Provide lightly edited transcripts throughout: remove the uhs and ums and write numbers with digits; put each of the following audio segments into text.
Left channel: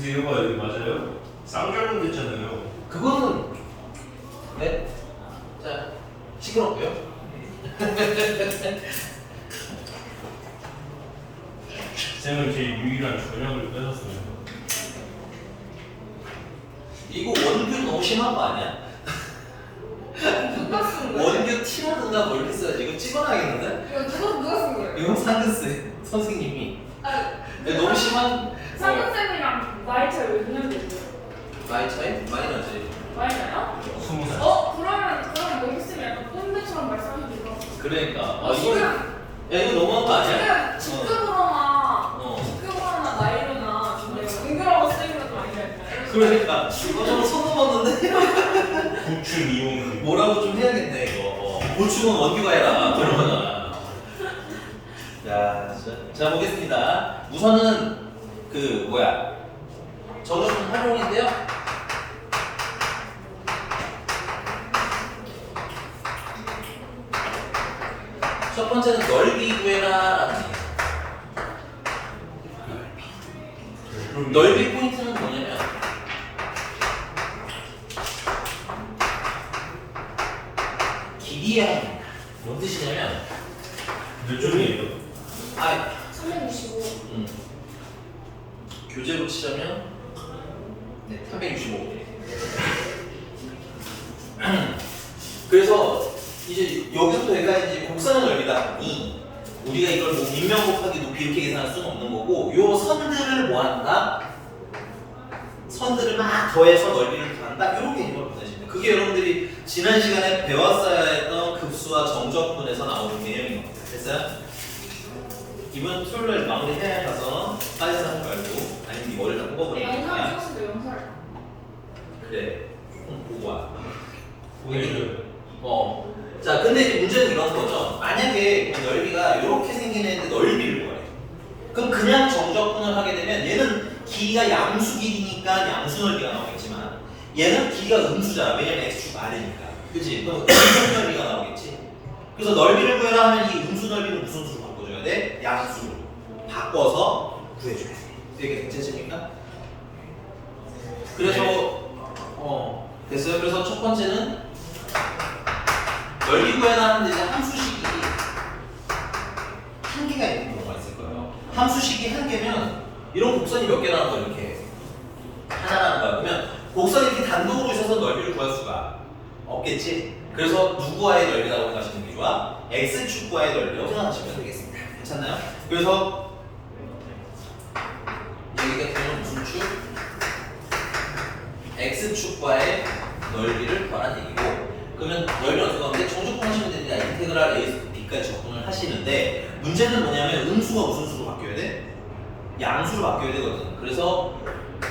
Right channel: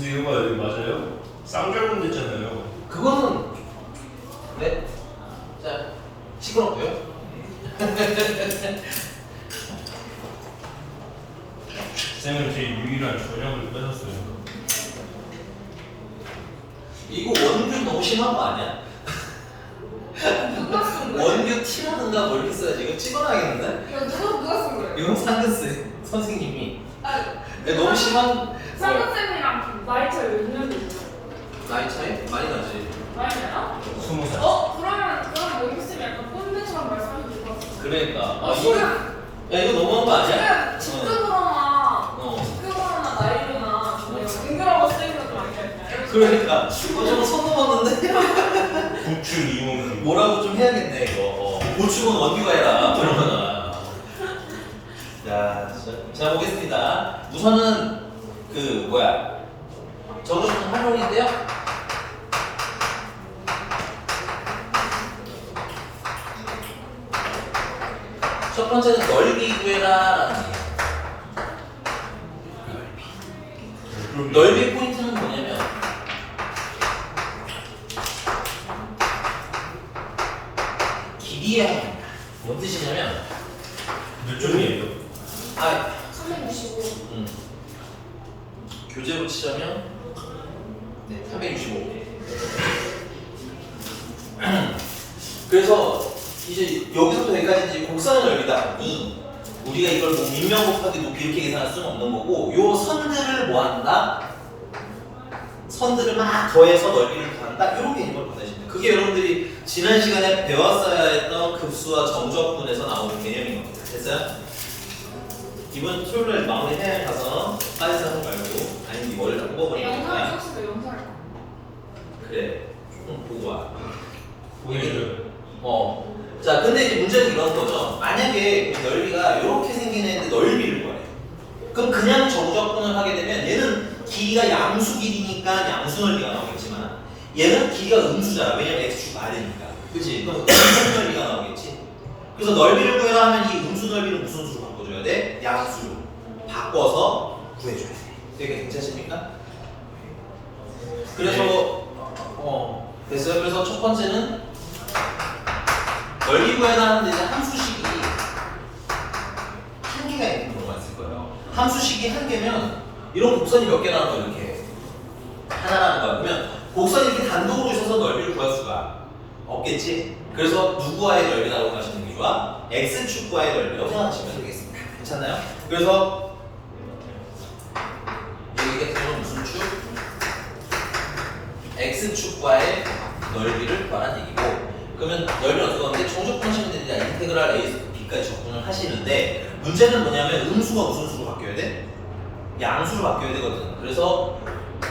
이거 봐, 여기 맞아요? 쌍절곤 됐잖아요. 그거는 네? 자 시끄럽고요. 쌤은 제 유일한 전형을 뺏었어요. 이거 원규 너무 심한 거 아니야? 누가 쓴 거예요? 원규 티모는가 뭐 이렇게 써야지. 이거 찍어놔야겠는데? 이거 누가 쓴 거예요? 이거 상근스 선생님이 아, 너무 심한 상근쌤이랑 나이 차이 몇 년이 있어요? 나이 차이? 많이 나지. 많이 나요? 20살. 그러면 원기쌤이 약간 꼰대처럼 말씀해 주셔서 그러니까 이거 야 이거 너무한 거 아니야? 지금 직급으로나 어. 직급으로나 나이로나 징그러워 쓰이는 거 아니냐면 그러니까 이거 좀 소금었는데 구춘 이용. 뭐라고 좀 해야겠네 이거. 보충은 원규가 해라 뭐 이런 거잖아. 자 보겠습니다. 우선은 그 뭐야 정적분 활용인데요. 첫 번째는 넓이 구해라라는 얘기예요. 넓이 포인트는 뭐냐면 길이의 합입니다. 뭔 뜻이냐면 몇 점이에요? 365 교재로 치자면 네, 365. 그래서 이제 여기서부터 여기까지 이제 곡선의 넓이다 보니 우리가 이걸 뭐 밑면 곱하기 높이 이렇게 계산할 수는 없는 거고 요 선들을 뭐 한다? 선들을 막 더해서 넓이를 구한다? 이런 개념을 보내시면 돼요. 그게 여러분들이 지난 시간에 배웠어야 했던 급수와 정적분에서 나오는 개념인 겁니다. 됐어요? 이번 토요일에 마무리해야 가서 사회상 말고 아니면 이걸 다 뽑아버리는 영상을 거야. 찍었을 때 영상을 그래 조금 보고 와. 보이죠? 자 근데 이제 문제는 이런 거죠. 만약에 넓이가 이렇게 생긴 애인데 넓이를 구해. 그럼 그냥 정적분을 하게 되면 얘는 길이가 양수 길이니까 양수 넓이가 나오겠지만 얘는 길이가 음수잖아. 왜냐면 x축 아래니까. 그렇지? 그럼 음수 넓이가 나오겠지. 그래서 넓이를 구해라 하면 이 음수 넓이를 무슨 수로 바꿔줘야 돼? 양수로 바꿔서 구해줘야 돼. 이게 괜찮습니까? 그래서 됐어요. 그래서 첫 번째는 넓이 구해라 하는데 이제 함수식이 한 개가 있는 경우가 있을 거예요. 함수식이 한 개면 이런 곡선이 몇 개 나와요? 이렇게 하나 나는 거야. 그러면 곡선이 이렇게 단독으로 있어서 넓이를 구할 수가 없겠지. 그래서 누구와의 넓이라고 하시는 게 좋아? x축과의 넓이라고 생각하시면 되겠습니다. 괜찮나요? 그래서 여기 같은 경우는 무슨 축? x축과의 넓이를 구하라는 얘기고 그러면 넓이는 어떻게 하는데 정적분 하시면 되니까 인테그랄 a에서 b까지 적분을 하시는데 문제는 뭐냐면 음수가 무슨 수로 바뀌어야 돼? 양수로 바뀌어야 되거든. 그래서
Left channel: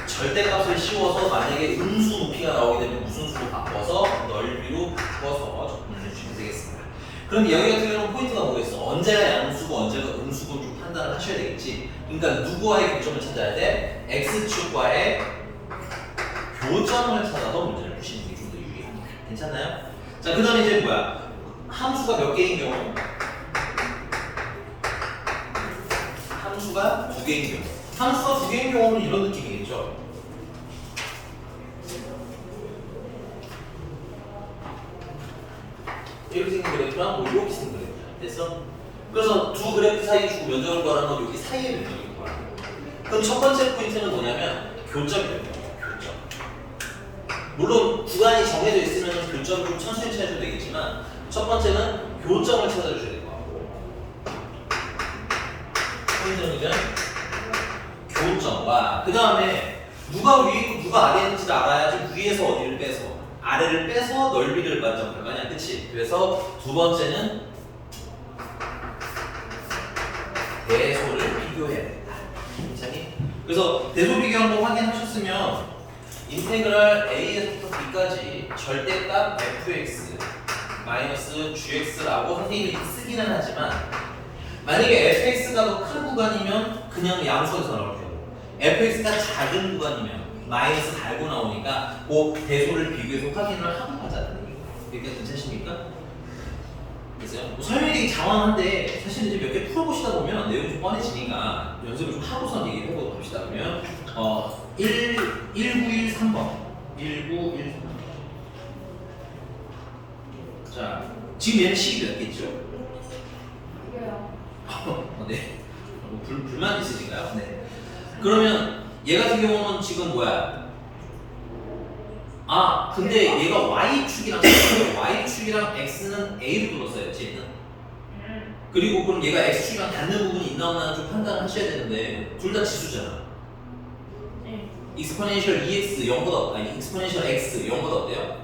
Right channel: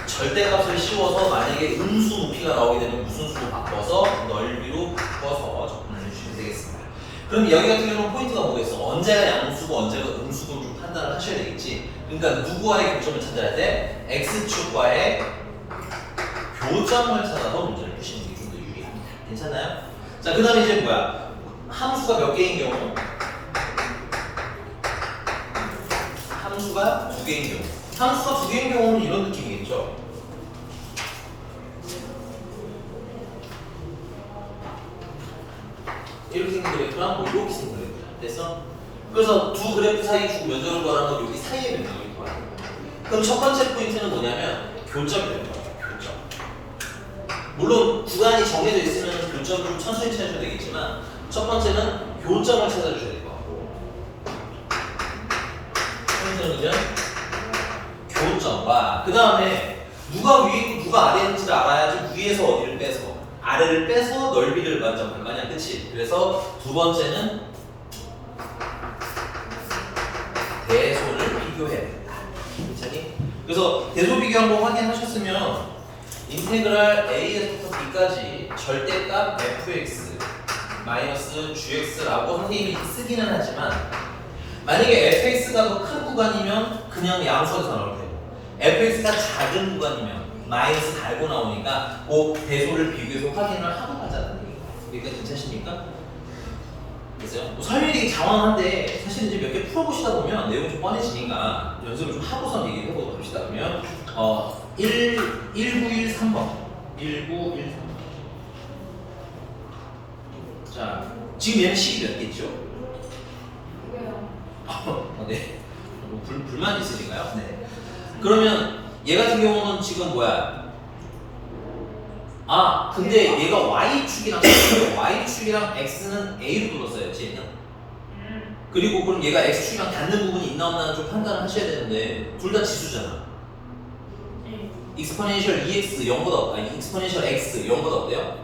절대값을 씌워서 만약에 음수 높이가 나오게 되면 무슨 수로 바꿔서 넓이로 바꿔서 적분을 해주시면 되겠습니다. 그럼 여기 같은 경우는 포인트가 뭐겠어? 언제가 양수고 언제가 음수고 좀 판단을 하셔야 되겠지. 그러니까 누구와의 교점을 찾아야 돼? x축과의 교점을 찾아서 문제를 푸시는 게 좀 더 유리합니다. 괜찮나요? 자, 그 다음에 이제 뭐야? 함수가 몇 개인 경우? 함수가 두 개인 경우. 함수가 두 개인 경우는 이런 느낌이겠죠? 이렇게 생긴 그래프랑 뭐 이렇게 생긴 그래프. 됐어? 그래서 두 그래프 사이 주 면적을 구하는 건 여기 사이의 면적을 구하는 거야. 그럼 첫 번째 포인트는 뭐냐면 교점이 되는 거야. 교점. 물론 구간이 정해져 있으면 교점을 좀 천천히 찾아줘도 되겠지만 첫 번째는 교점을 찾아주셔야 될 것 같고 포인트는 교점과 그 다음에 누가 위에 누가 아래에 있는지를 알아야지 위에서 어디를 빼서 아래를 빼서 넓이를 만족할 거 아니야. 그치? 그래서 두 번째는 대소를 비교해야 된다. 괜찮니? 그래서 대소 비교 한번 확인하셨으면 인테그랄 a에서부터 b까지 절대값 fx 마이너스 gx라고 선생님이 쓰기는 하지만 만약에 fx가 더 큰 구간이면 그냥 양수에서 나올 테고 fx가 작은 구간이면 마이너스 달고 나오니까 그 대소를 비교해서 확인을 하고 가자는 얘기가. 그러니까 괜찮습니까? 그래서 뭐 설명이 되게 장황한데 사실 이제 몇 개 풀어보시다 보면 내용이 좀 뻔해지니까 연습을 좀 하고선 얘기를 해보도록 합시다. 그러면 1913번. 1913번. 자, 지금 얘는 식이 몇 개죠? 왜요? 네. 불만 있으신가요? 네. 그러면 얘 같은 경우는 지금 뭐야? 아, 근데 얘가 y축이랑 y축이랑 x는 a로 불렀어요, 쟤는. 그리고 그럼 얘가 x축이랑 닿는 부분이 있나 없나 좀 판단을 하셔야 되는데 둘 다 지수잖아. 네. 익스포넨셜 EX 0보다 아니 익스포넨셜 X 0보다 어때요?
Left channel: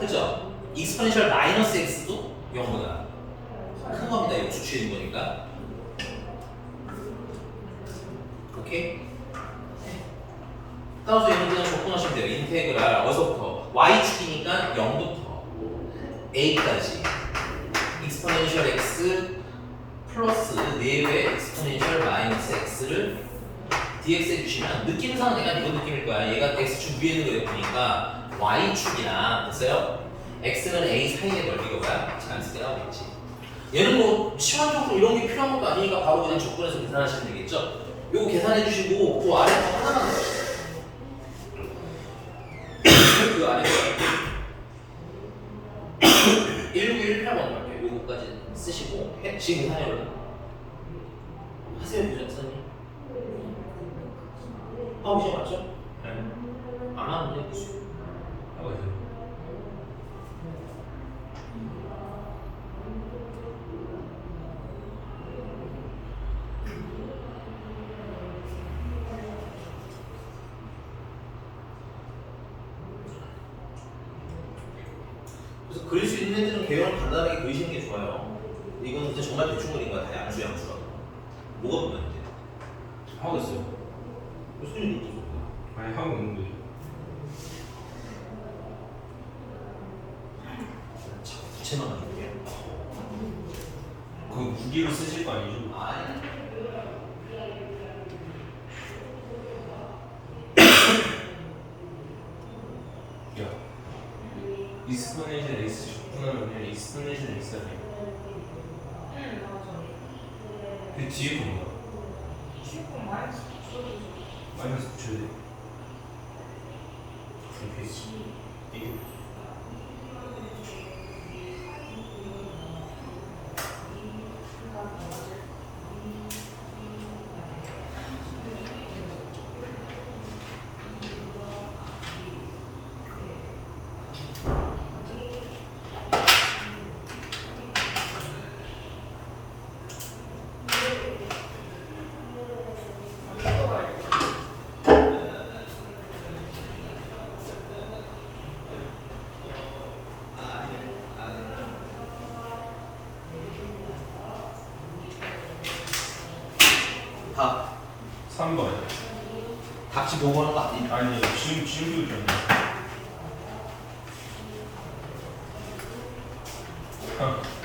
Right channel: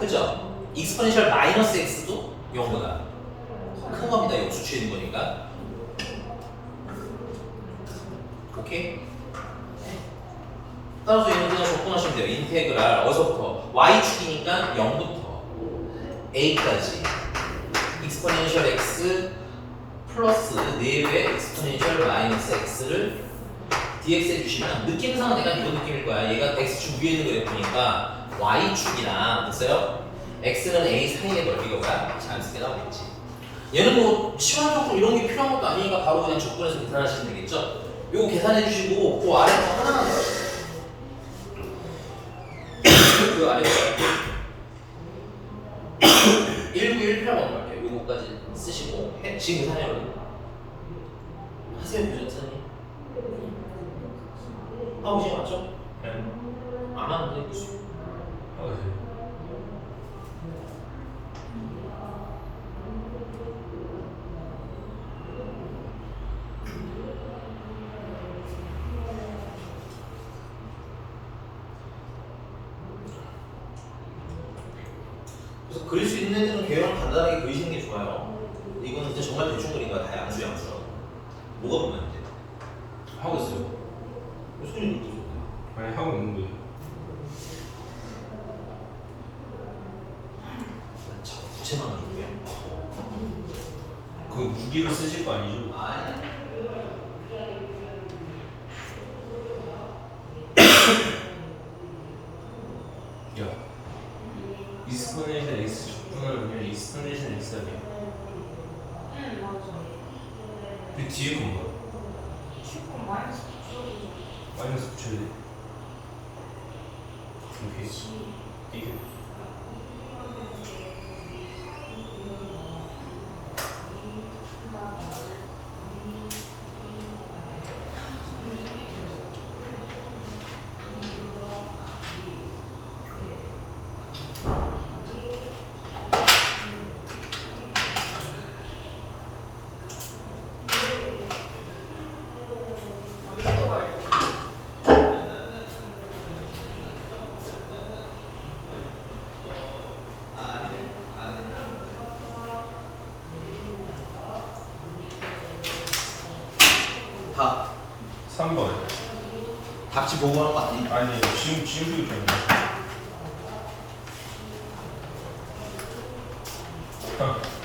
그죠? 익스포넨셜 마이너스 X도 0보다 큰 겁니다. 역수치인 거니까. 오케이? 따라서 얘는 그냥 접근하시면 돼요. 인테그랄 어디서부터? y축이니까 0부터 a까지 익스포넨셜 x 플러스 4배 익스포넨셜 마이너스 x를 dx 해주시면 느낌상은 내가 이런 느낌일 거야. 얘가 x축 위에 있는 그래프니까 y축이랑 됐어요? x는 a 사이의 넓이가 뭐야? 자연스럽게 나오겠지. 얘는 뭐 시간적으로 이런 게 필요한 것도 아니니까 바로 그냥 접근해서 계산하시면 되겠죠? 요거 계산해 주시고 그 아래 거 하나만 더 그 아래 1918번 갈게요. 요거까지 쓰시고 지금 계산해요. 하세요, 교장선생님. 하고 계신 맞죠? 네. 안 하는데 무슨? 하고 있어요. 그래서 그릴 수 있는 데는 계획을 간단하게 그리시는 게 좋아요. 이건 진짜 정말 대충 그린 거야. 다 양수라고. 뭐가 보면 돼? 하고 있어요. 무슨 일이 있어? 아니 하고 있는 거예요. 부채만 가져올게. 그 무기로 쓰실 거 아니죠? 아니. 야, 익스포넨셜 x 적분하면 익스포넨셜 x 아니에요? 응, 맞아. 그 뒤에 건 뭐야? 축구 마이너스 붙여주죠. 마이너스 붙여야 돼. 이게 밥. 3번. 답지 보고 하는 거 아니? 아니 지금 좀.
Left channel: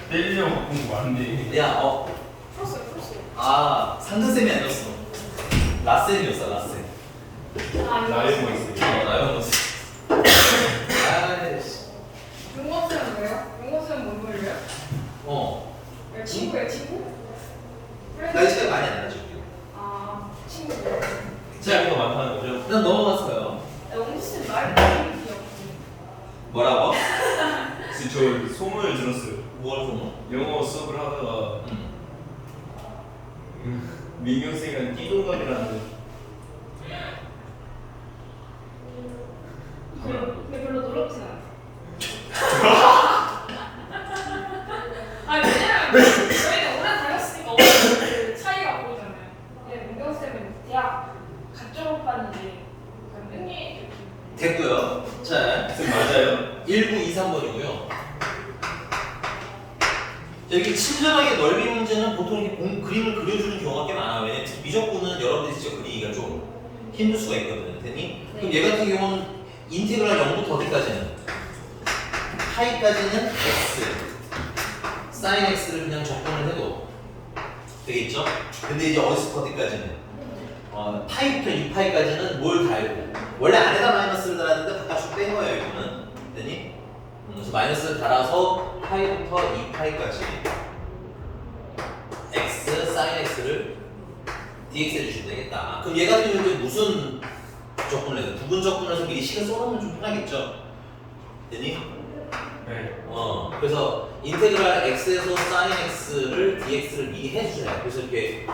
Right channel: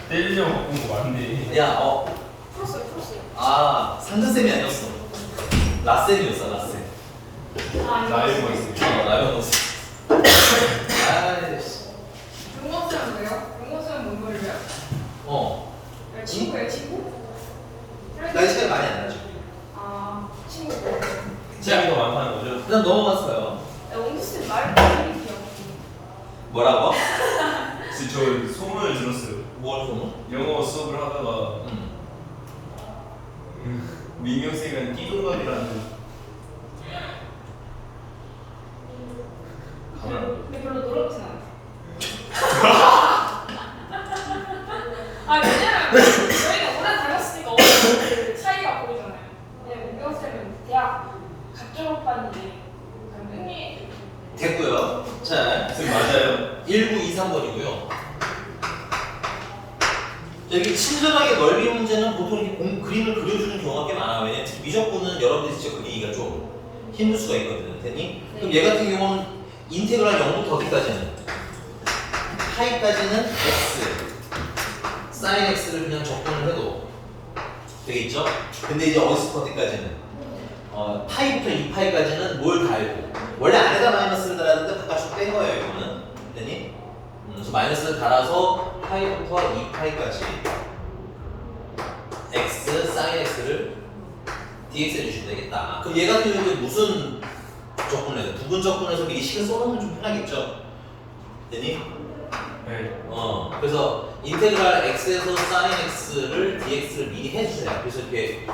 때리려고 바꾼 거 맞네. 야, 풀었어요, 풀었어요. 아, 상근쌤이 아니었어. 라쌤이었어, 라쌤. 나이가 있어요. 나였어. 아이씨. 용어쌤은 왜요? 용어쌤은 뭔 소리예요? 친구예요, 친구? 나 이 시간 많이 안 나죠. 아, 친구. 차이가 많다는 거죠? 그냥 넘어갔어요. 용어쌤 말을 기억해. 뭐라고? 저 소문을 들었어요. 뭘 좀? 영어 수업을 하다가 민경 쌤이랑 끼동갑이라는 근데 별로 노랗진 않아요. 왜냐면 저희가 오래 다녔으니까 어느 차이가 보이잖아요. 근데 민경쌤은 대학 각종 오빠인데 흥이 됐고요. 자, 쌤 맞아요. 1923번이고요. 이렇게 친절하게 넓이 문제는 보통 이렇게 그림을 그려주는 경우가 꽤 많아요. 왜냐면 특히 미적분은 여러분들이 직접 그리기가 좀 힘들 수가 있거든요. 됐니? 그럼 얘 같은 경우는 인테그랄 0부터 어디까지는? 파이까지는 x, 사인 x를 그냥 적분을 해도 되겠죠? 근데 이제 어디서부터 어디까지는? 파이부터 2파이까지는 뭘 달고 원래 안에다 마이너스를 달았는데 바깥쪽 뺀 거예요. 이거는 됐니? 그래서 마이너스를 달아서 파이부터 2파이까지 x, 사인 x를 dx 해주시면 되겠다. 그럼 얘 같은 경우는 무슨 적분해서 부분 적분해서 미리 식을 써놓으면 좀 편하겠죠? 되니? 네. 그래서 인테그랄 x에서 sin x를 dx를 미리 해주세요. 그래서 이렇게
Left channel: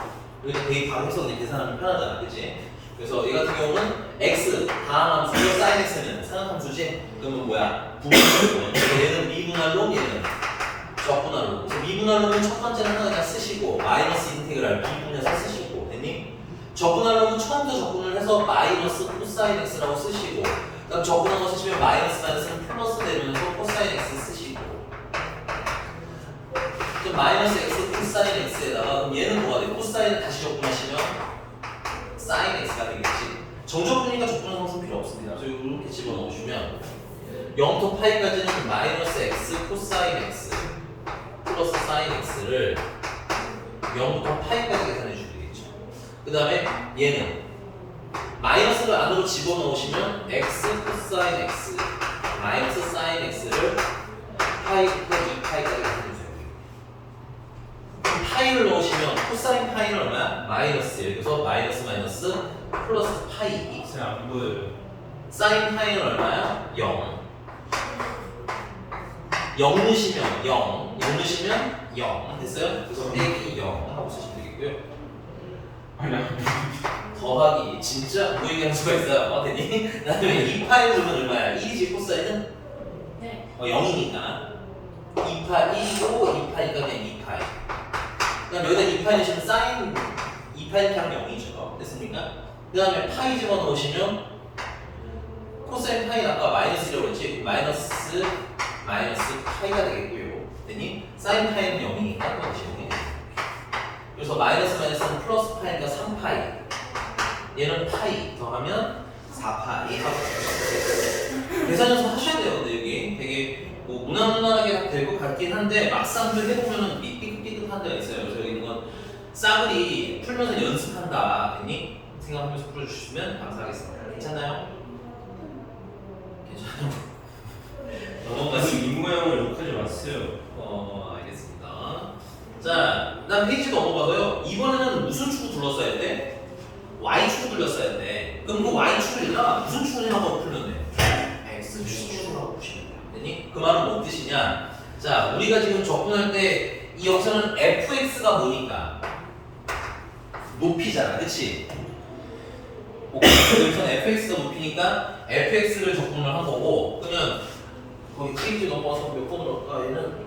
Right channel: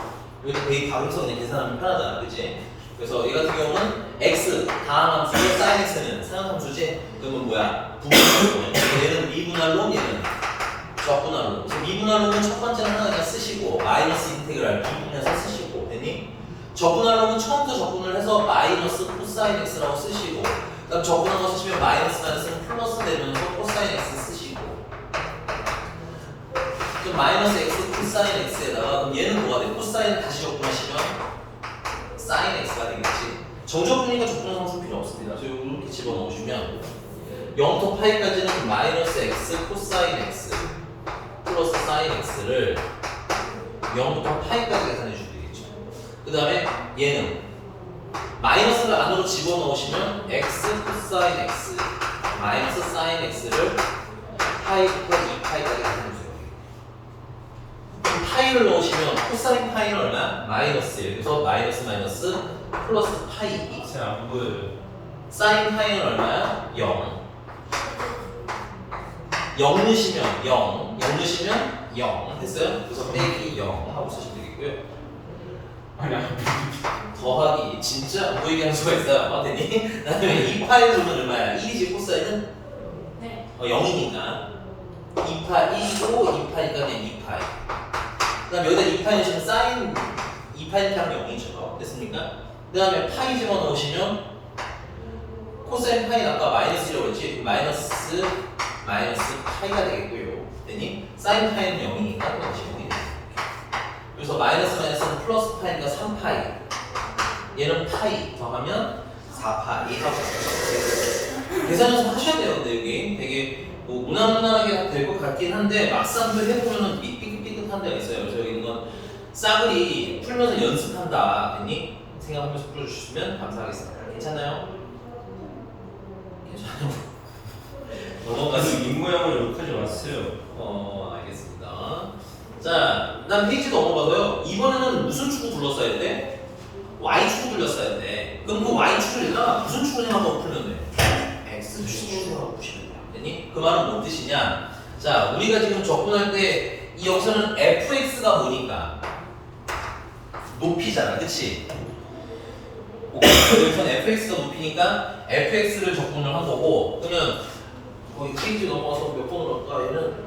되게 방향성을 계산하면 편하잖아, 그치? 그래서 이 같은 경우는 x 다음 함수죠, sin x는 상한 함수지? 그러면 뭐야? 부분 적분. 얘는 미분할로, 얘는 적분할로. 그래서 미분할로는 첫 번째는 하나 그냥 쓰시고 마이너스 인테그랄 미분해서 쓰시고, 됐니? 적분할로는 처음부터 적분을 해서 마이너스 코사인 x라고 쓰시고, 그다음 적분한 거 쓰시면 마이너스 마이너스는 플러스 되면서 코사인 x 쓰시고, 그럼 마이너스 x 코사인 x에다가 그럼 얘는 뭐가 돼? 코사인 다시 적분하시면 사인 x가 되겠지. 정적분이니까 적분한 상수 필요 없습니다. 그래서 이렇게 집어넣으시면 0부터 파이까지는 마이너스 x 코사인 x 플러스 사인 x를 0부터 파이까지 계산해 주면 되겠죠. 그 다음에 얘는 마이너스를 안으로 집어넣으시면 x 코사인 x 마이너스 사인 x를 파이부터 2파이까지 계산해주세요. 파이를 넣으시면 코사인 파이는 얼마야? 마이너스 1. 그래서 마이너스 마이너스 플러스 파이. 잘 안 보여요. 사인 파이는 얼마야? 0. 0 넣으시면 0. 0 넣으시면 0. 됐어요? 그래서 빼기 0 하고 쓰시면 되겠고요. 아니 안 보여요. 더하기 진짜 안 보이게 할 수가 있어요. 맞더니 나중에 2파이 보면 얼마야? 1이지 코사인은? 네. 0이니까 2파 1이고 2파이가 그냥 2파이. 그다음 여기다 2파이 넣으시면 사인 2파이 하면 0이죠. 됐습니까? 그 다음에 파이 집어넣으시면 코사인 파이 아까 마이너스라고 그랬지? 마이너스 파이가 되겠고요. 됐니? 사인 파이는 0이니까 넣으시면 되겠죠. 그래서 마이너스 마이너스는 플러스 파이니까 3파이. 얘는 파이 더하면 4파이 하고 계산 연습 하셔야 돼요. 근데 여기 되게 뭐 무난하게 될 것 같긴 한데 막상 해보면 삐끗삐끗한 데가 있어요. 그래서 이건 싸그리 풀면서 연습한다. 됐니? 생각하면서 풀어주시면 감사하겠습니다. 괜찮나요? 괜찮아요? 아직 이 모양을 이렇게 하지 마세요. 알겠습니다. 자, 난 페이지 넘어가고요. 이번에는 무슨 축을 둘러싸야 돼? Y축을 둘러싸야 돼. 그럼 그 Y축을가 무슨 축을 생각하고 풀면 돼? X축을 생각하고 보시면 돼요. 됐니? 그 말은 뭔 뜻이냐? 자, 우리가 지금 접근할 때 이 역사는 fx가 뭐니까? 높이잖아, 그치? 여기서는 fx가 높이니까 fx를 적분을 한 거고, 그러면 거기 페이지 넘어가서 몇 번을 할까? 얘는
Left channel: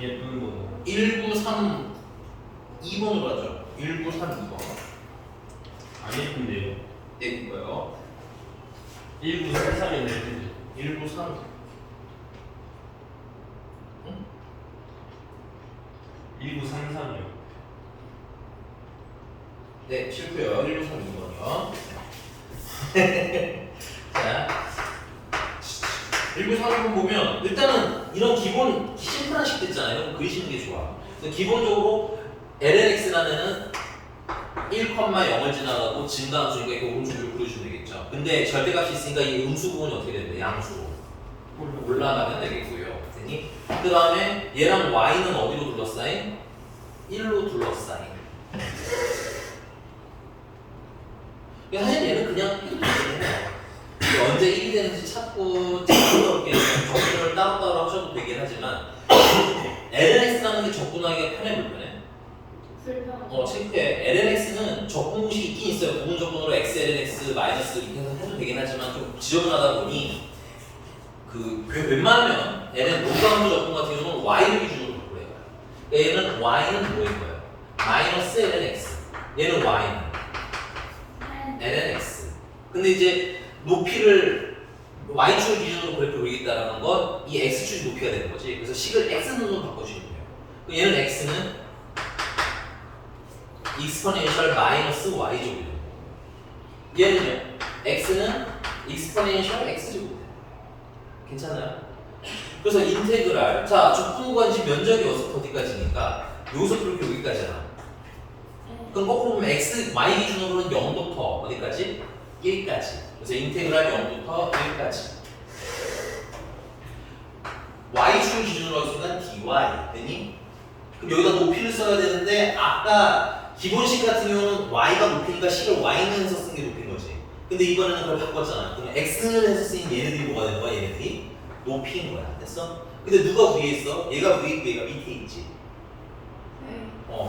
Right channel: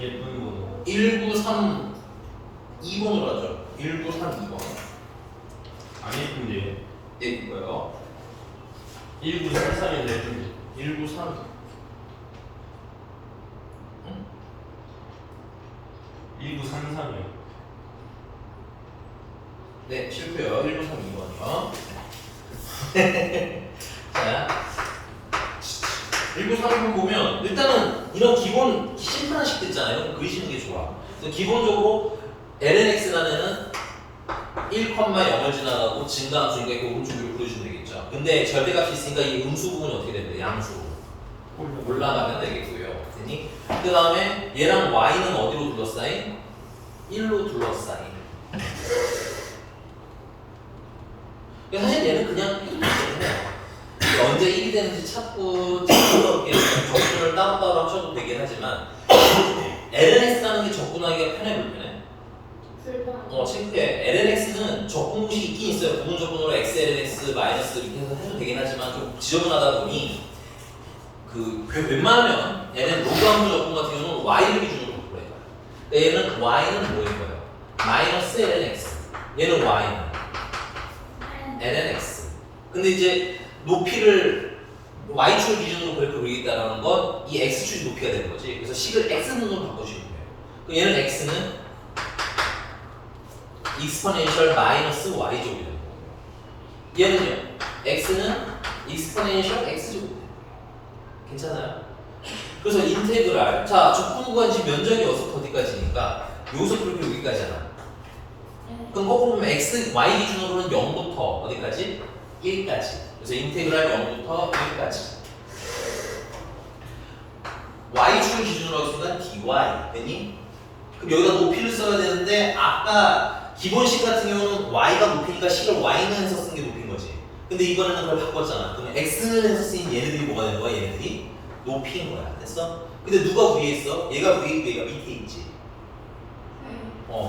예쁜 거. 1932번으로 하죠. 1932번. 안 예쁜데요. 예, 이거요. 1933인데 예쁜데. 1932. 응? 1933이요. 네, 실패요. 1932번이요. 자, 1932번 보면 일단은 이런 기본 심플한 식도 있잖아요. 그리시는 게 좋아. 기본적으로 lnx라는 1,0을 지나가고 증가함수니까 그 음수를 부르시면 되겠죠. 근데 절대값이 있으니까 이 음수 부분이 어떻게 됩니까? 양수로 올라가면 되겠고요. 됐니? 그 다음에 얘랑 y는 어디로 둘러싸인? 1로 둘러싸인. 사실 얘는 그냥 해도 되겠네요. 언제 1이 되는지 찾고 이렇게 적분을 따로따로 하셔도 되긴 하지만 lnx라는 게 적분하기가 편해 불편해? 체크해. lnx는 적분식이 있긴 있어요. 부분 적분으로 x lnx 마이너스 이렇게 해서 해도 되긴 하지만 좀 지저분하다 보니 그 웬만하면 ln 로그함수 적분 같은 경우는 y를 기준으로 바꿔야 돼요. 얘는 y는 뭐일 거예요? 마이너스 lnx. 얘는 y는 lnx. 근데 이제 높이를 y축을 기준으로 그래프 그리겠다는 건 이 x축이 높이가 되는 거지. 그래서 식을 x는으로 바꿔주면 돼요. 그럼 얘는 x는 exponential 마이너스 y제곱이 되는 거고, 얘는요, x는 exponential x제곱이 되는 거예요. 괜찮아요? 그래서 인테그랄, 자, 적분 구간 지금 면적이 여기서 어디까지니까 여기서부터 이렇게 여기까지잖아. 그럼 거꾸로 보면 x, y 기준으로는 0부터 어디까지? 1까지. 그래서 인테그랄 0부터 1까지. y축 기준으로 하겠습니다. dy. 됐니? 그럼 여기다 높이를 써야 되는데 아까 기본식 같은 경우는 y가 높이니까 식을 y는 해서 쓴 게 높인 거지. 근데 이번에는 그걸 바꿨잖아. 그러면 x는 해서 쓰인 얘네들이 뭐가 되는 거야? 얘네들이 높이인 거야. 됐어? 근데 누가 위에 있어? 얘가 위에 있고 얘가 밑에 있지.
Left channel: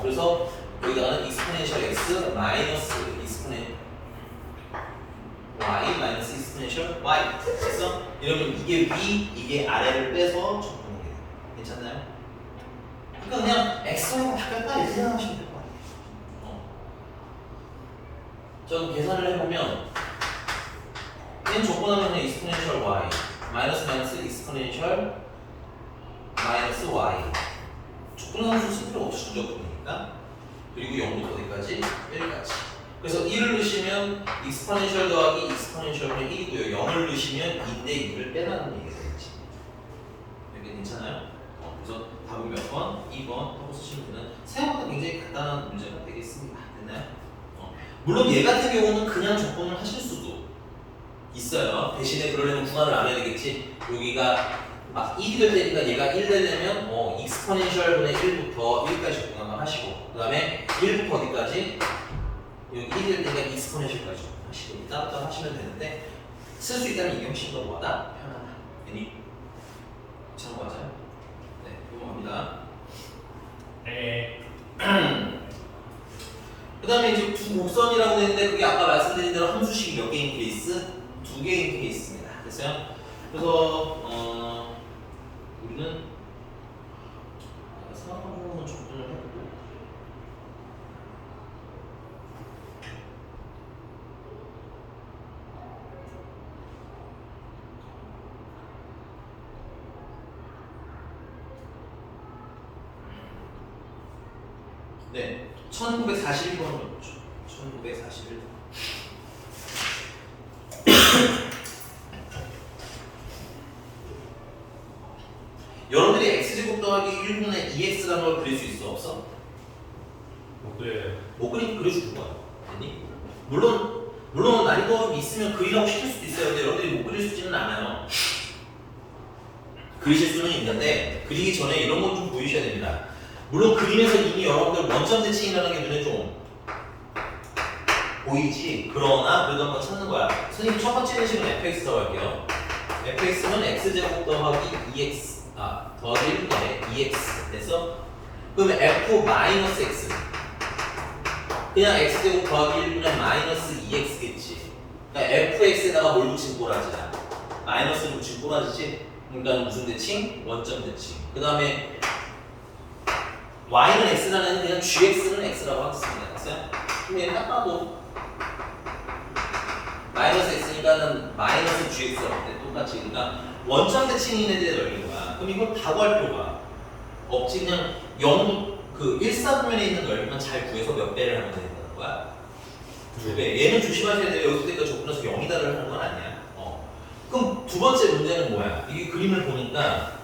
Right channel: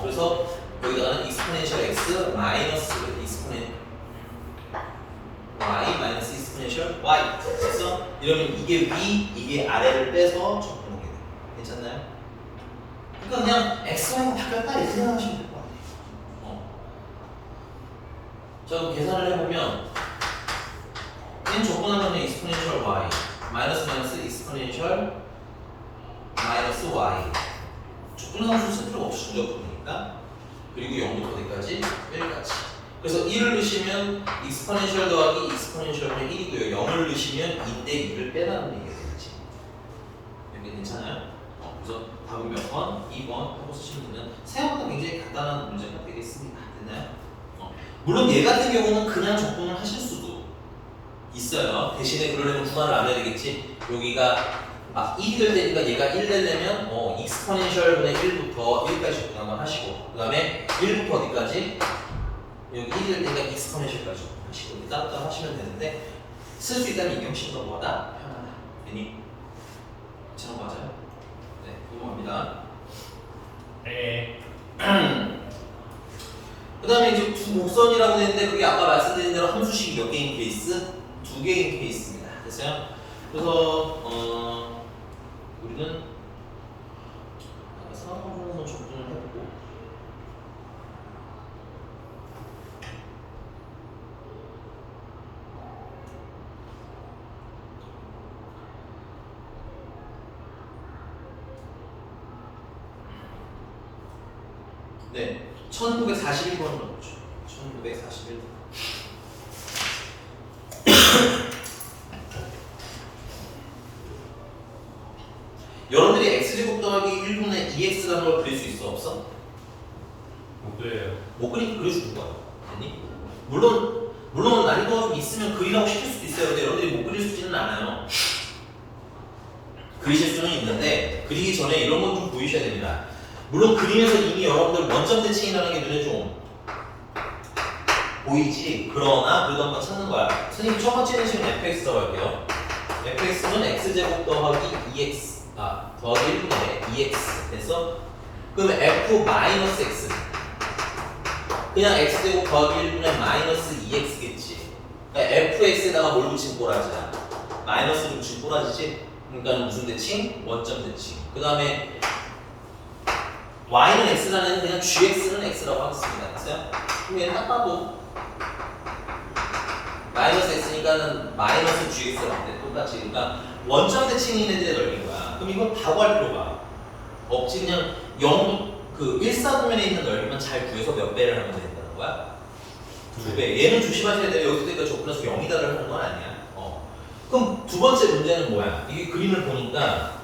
그래서 여기다가는 exponential x 마이너스 exponential y 마이너스 exponential y. 됐어? 이러면 이게 위, 이게 아래를 빼서 적분하게 돼. 괜찮나요? 그러니까 그냥 x랑 바뀌었다 이렇게 생각하시면 될 것 같아요. 자, 그럼 계산을 해보면 n 적분하면 exponential y 마이너스 마이너스 exponential 마이너스 y 적분함수 쓸 필요가 없이 적분이니까 그리고 0부터 어디까지? 1까지. 그래서 1을 넣으시면 exponential 더하기 exponential은 1이고요. 0을 넣으시면 2대 2를 빼라는 얘기가 되겠지. 여기 괜찮아요? 그래서 답은 몇 번? 2번 하고 쓰시면 되는 생각보다 굉장히 간단한 문제가 되겠습니다. 됐나요? 물론 얘 같은 경우는 그냥 적분을 하실 수도 있어요. 대신에 그러려면 분할을 안 해야 되겠지. 여기가 막 1이 될 때니까 얘가 1 되려면 exponential 분의 1부터 1까지 적분한번 하시고 그 다음에 1부터 어디까지? 여기 1이 될 때니까 exponential까지 적분하시고 따로따로 하시면 되는데 쓸 수 있다면 이게 훨씬 더 뭐하다? 편하다. 괜히 괜찮은 거 맞아요? 네, 궁금합니다. 네. 그 다음에 이제 두 곡선이라고 했는데 그게 아까 말씀드린 대로 함수식이 몇 개인 케이스? 2개인 케이스입니다. 됐어요? 그래서 우리는 상황으로는 적분을 해보고 네, 1941번으로 넣죠. 1941번. 여러분들이 x제곱 더하기 1분의 2x라는 걸 그릴 수 있어? 없어? 못 그래요. 못 그리니까 그려주는 거야. 아니? 물론 난이도가 좀 있으면 그리라고 시킬 수도 있어요. 근데 여러분들이 못 그릴 수 있지는 않아요. 그리실 수는 있는데 그리기 전에 이런 건 좀 보이셔야 됩니다. 물론 그림에서 이미 여러분들 원점 대칭이라는 게 눈에 좀 보이지. 그러나 그래도 한번 찾는 거야. 선생님 첫 번째는 지금 fx 들어갈게요. fx는 x제곱 더하기 2x 더하기 1분의 2x 됐어? 그러면 f 마이너스 x 그냥 x제곱 더하기 1분의 마이너스 2x겠지. 그러니까 fx에다가 뭘 붙이면 꼬라지야? 마이너스를 붙이면 꼬라지지? 그러니까 무슨 대칭? 원점 대칭. 그 다음에 y는 x라는 그냥 gx는 x라고 하겠습니다. 됐어요? 그럼 얘는 딱 봐도 마이너스 x니까는 마이너스 gx라고 돼. 똑같이. 그러니까 원점 대칭인 애들의 넓이인 거야. 그럼 이걸 바구할 필요가 없지. 그냥 0, 그 1사분면에 있는 넓이만 잘 구해서 몇 배를 하면 된다는 거야? 2배. 얘는 조심하셔야 돼요. 여기서부터 적분해서 0이다를 하는 건 아니야. 그럼 두 번째 문제는 뭐야? 이게 그림을 보니까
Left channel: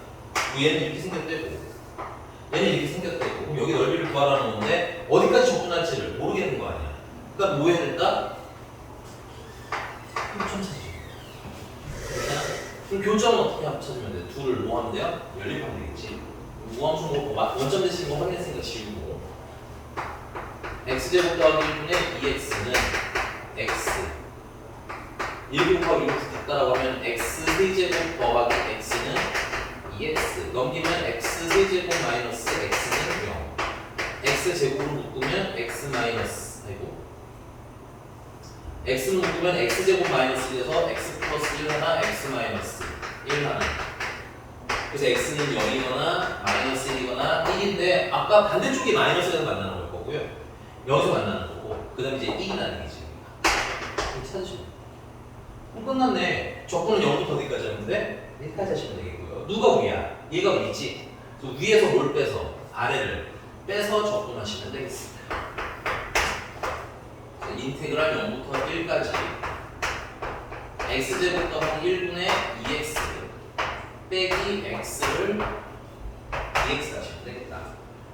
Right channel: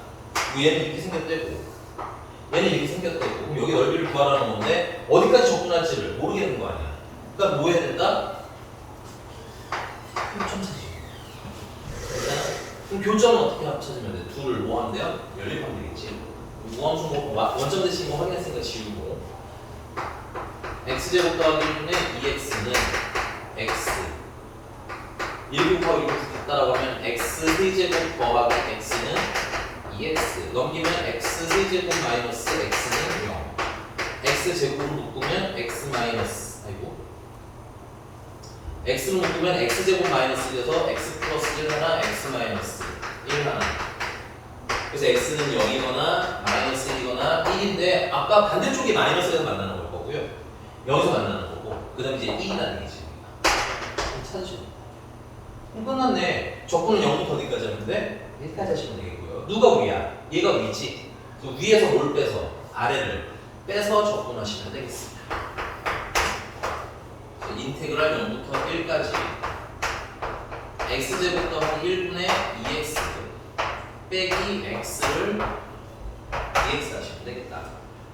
얘는 이렇게 생겼대고 얘는 이렇게 생겼대고 그럼 여기 넓이를 구하라는 건데 어디까지 적분할지를 모르겠는 거 아니야? 그러니까 뭐 해야 된다? 교점 찾으죠. 그럼 교점은 어떻게 합쳐주면 돼? 둘을 뭐 하면 돼요? 연립하면 되겠지. 무함수 뭐 원점 대칭 뭐 확인했으니까 지우고 x제곱 더하기 1분의 2x는 x 1 곱하기 1 같다라고 하면 x 세제곱 더하기 x는 2x 넘기면 x 세제곱 마이너스 x는 0 x 제곱으로 묶으면 x 마이너스 아이고 x로 묶으면 x 제곱 마이너스 1에서 x 플러스 1 하나 x 마이너스 1 하나 그래서 x는 0이거나 마이너스 1이거나 1인데 아까 반대쪽이 마이너스에서 만나는 걸 거고요 여기서 만나는 거고 그 다음에 이제 1이라는 얘기지 찾으시면 그럼 끝났네. 적분은 0부터 어디까지 하는데 1까지 하시면 되겠고요. 누가 위야? 얘가 위지. 그래서 위에서 뭘 빼서 아래를 빼서 적분하시면 되겠습니다. 그래서 인테그랄 0부터 1까지 x제곱 더하기 1분의 2x 빼기 x를 2x 하시면 되겠다.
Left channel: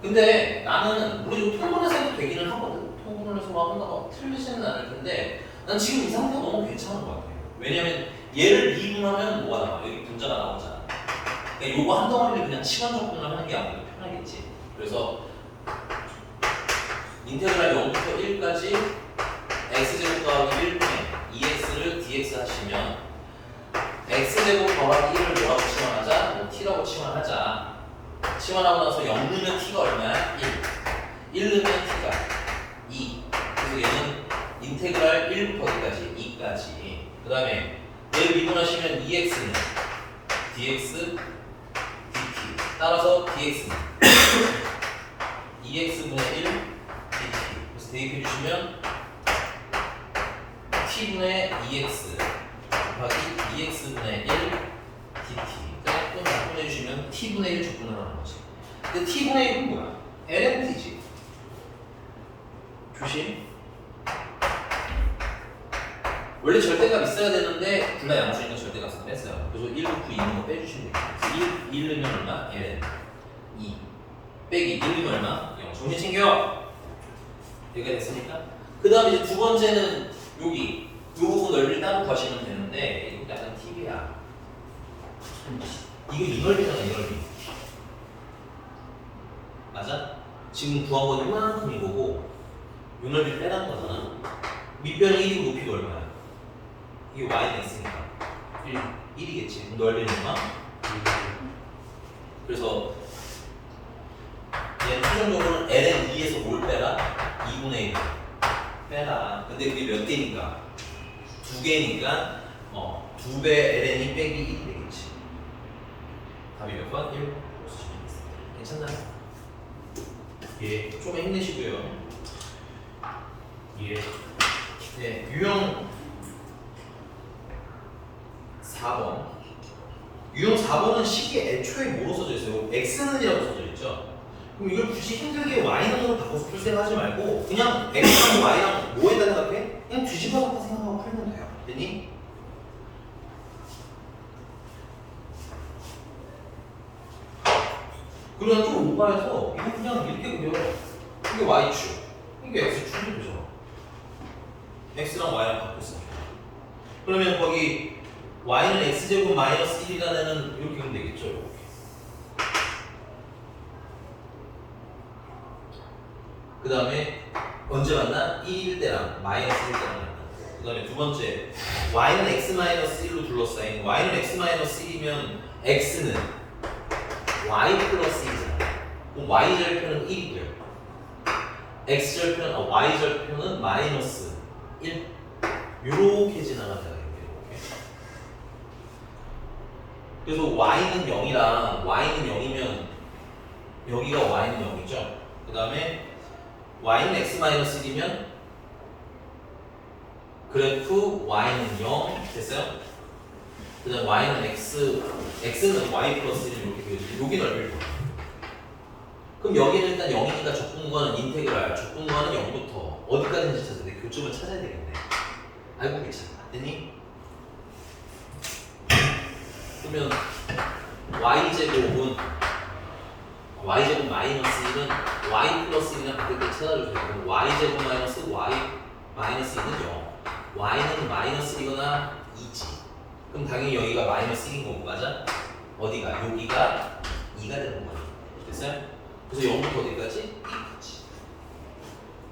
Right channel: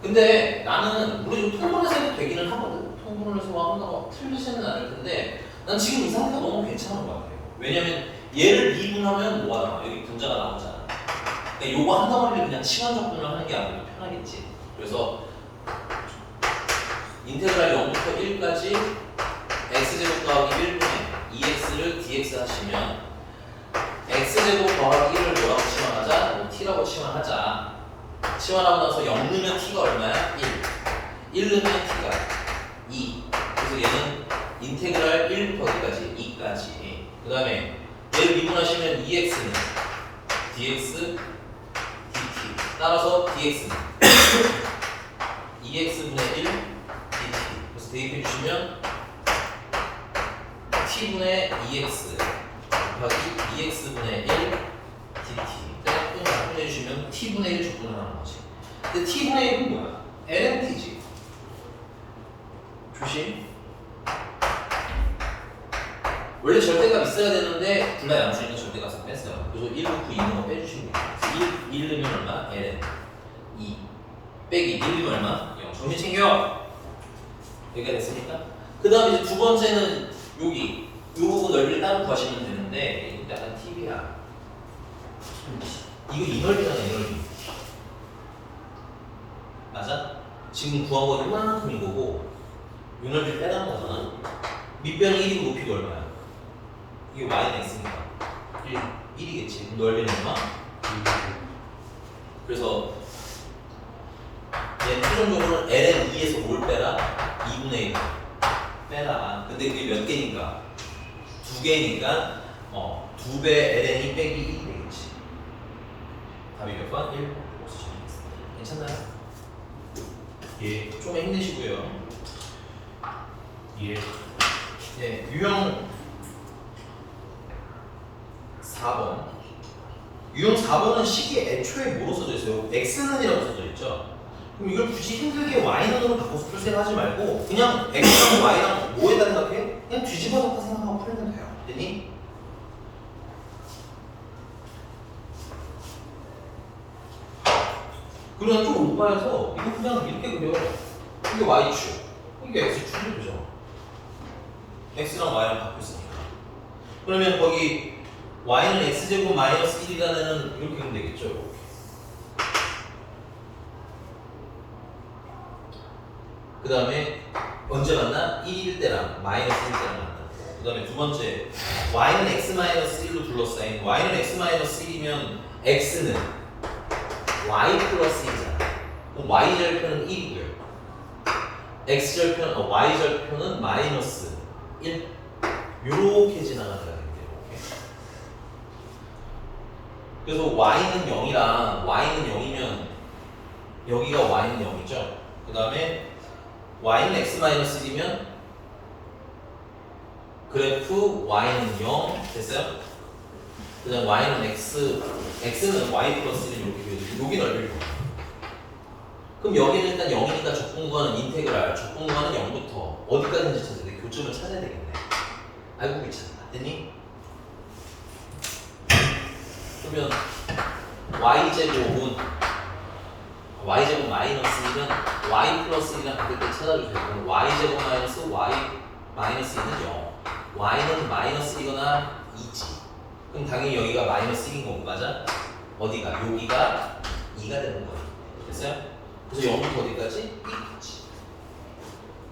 근데 나는 우리 좀 통분해서 해도 되기는 하거든. 통분해서 한다고 틀리지는 않을 텐데 난 지금 이 상태가 너무 괜찮은 것 같아요. 왜냐면 얘를 2분하면 뭐가 나와? 여기 분자가 나오잖아. 그러니까 요거 한 덩어리를 그냥 치환 적분을 하는 게 아무래도 편하겠지. 그래서 인테그랄 0부터 1까지 x제곱 더하기 1분의 2x를 dx 하시면 x제곱 더하기 1을 뭐라고 치환하자? 뭐 t라고 치환하자. 치환하고 나서 0 넣으면 t가 얼마야? 1. 1 넣으면 t가 2. 그래서 얘는 인테그랄 1부터 어디까지? 2까지. 그 다음에 얘를 미분하시면 2x는 dx dt. 따라서 dx는 2x분의 1 dt. 그래서 대입해 주시면 t분의 2x 곱하기 2x분의 1 dt. 떼고 적분해 주시면 t분의 1 적분하는 거지. 근데 t분의 1은 뭐야? lnt지. 조심. 원래 절대값 있어야 되는데 분할 양수니까 절대값을 뺐어요. 그래서 1 넣고 2 넣으면 빼주시면 돼요. 1 넣으면 얼마? ln 2 빼기 1 넣으면 얼마? 0. 정신 챙겨. 여기가 됐으니까. 그 다음에 이제 두 번째는 여기 이 부분 넓이를 따로 구하시면 되는데 이거 약간 팁이야. 이거 이 넓이잖아, 이 넓이. 맞아? 지금 구한 건 이만큼인 거고 이 넓이를 빼라는 거잖아. 밑변이 1이고 높이가 얼마야? 이게 y가 있으니까 1이겠지. 넓이는 얼마? 그래서 얘 최종적으로는 ln 2에서 뭘 빼라? 2분의 1 빼라. 근데 그게 몇 개니까? 2개니까 2배 ln이 빼기 1이 되겠지. 답이 몇 번? 1. 괜찮나요? 예. 좀 힘내시고요. 예. 네, 유형 4번. 유형 4번은 식이 애초에 뭐로 써져 있어요? x는이라고 써져 있죠. 그럼 이걸 굳이 힘들게 y는으로 바꿔서 풀 생각하지 말고 그냥 x랑 y랑 뭐에다 생각해? 그냥 뒤집어서 생각하고 풀면 돼요. 됐니? 그러면 좀 오빠여서 이거 그냥 이렇게 그려. 이게 y축, 이게 x축이 되죠. x랑 y랑 바꿨으니까. 그러면 거기 y는 x제곱 마이너스 1이라는 이렇게 그리면 되겠죠. 이렇게. 그 다음에 언제 만나? 1일 때랑 마이너스 1일 때랑 만나. 그 다음에 두 번째 y는 x 마이너스 1로 둘러싸인 y는 x 마이너스 1이면 x는 y 플러스 1이잖아. 그럼 y 절편은 1이 돼요. x 절편, y 절편은 마이너스 1. 요렇게 지나가는 거예요. 그래서 y는 0이랑 y는 0이면 여기가 y는 0이죠. 그 다음에 y는 x-1이면 그래프 y는 0 됐어요? 그 다음 y는 x는 y 플러스 1 이렇게 그려지고 여기 넓이를 봐. 그럼 여기는 일단 0이니까 적분구하는 인테그랄 적분구하는 0부터 어디까지인지 찾아야 돼. 교점을 찾아야 되겠네. 알고 계시나? 됐니? 그러면 y제곱은 y제곱 마이너스 1은 y 플러스 1이랑 바뀔 때 찾아주세요. 그럼 y제곱 마이너스 y 마이너스 1은 0 y는 마이너스 1이거나 2지. 그럼 당연히 여기가 마이너스 1인 거고 맞아? 어디가? 여기가 2가 되는 거야. 됐어요? 그래서 0부터 어디까지? 2까지.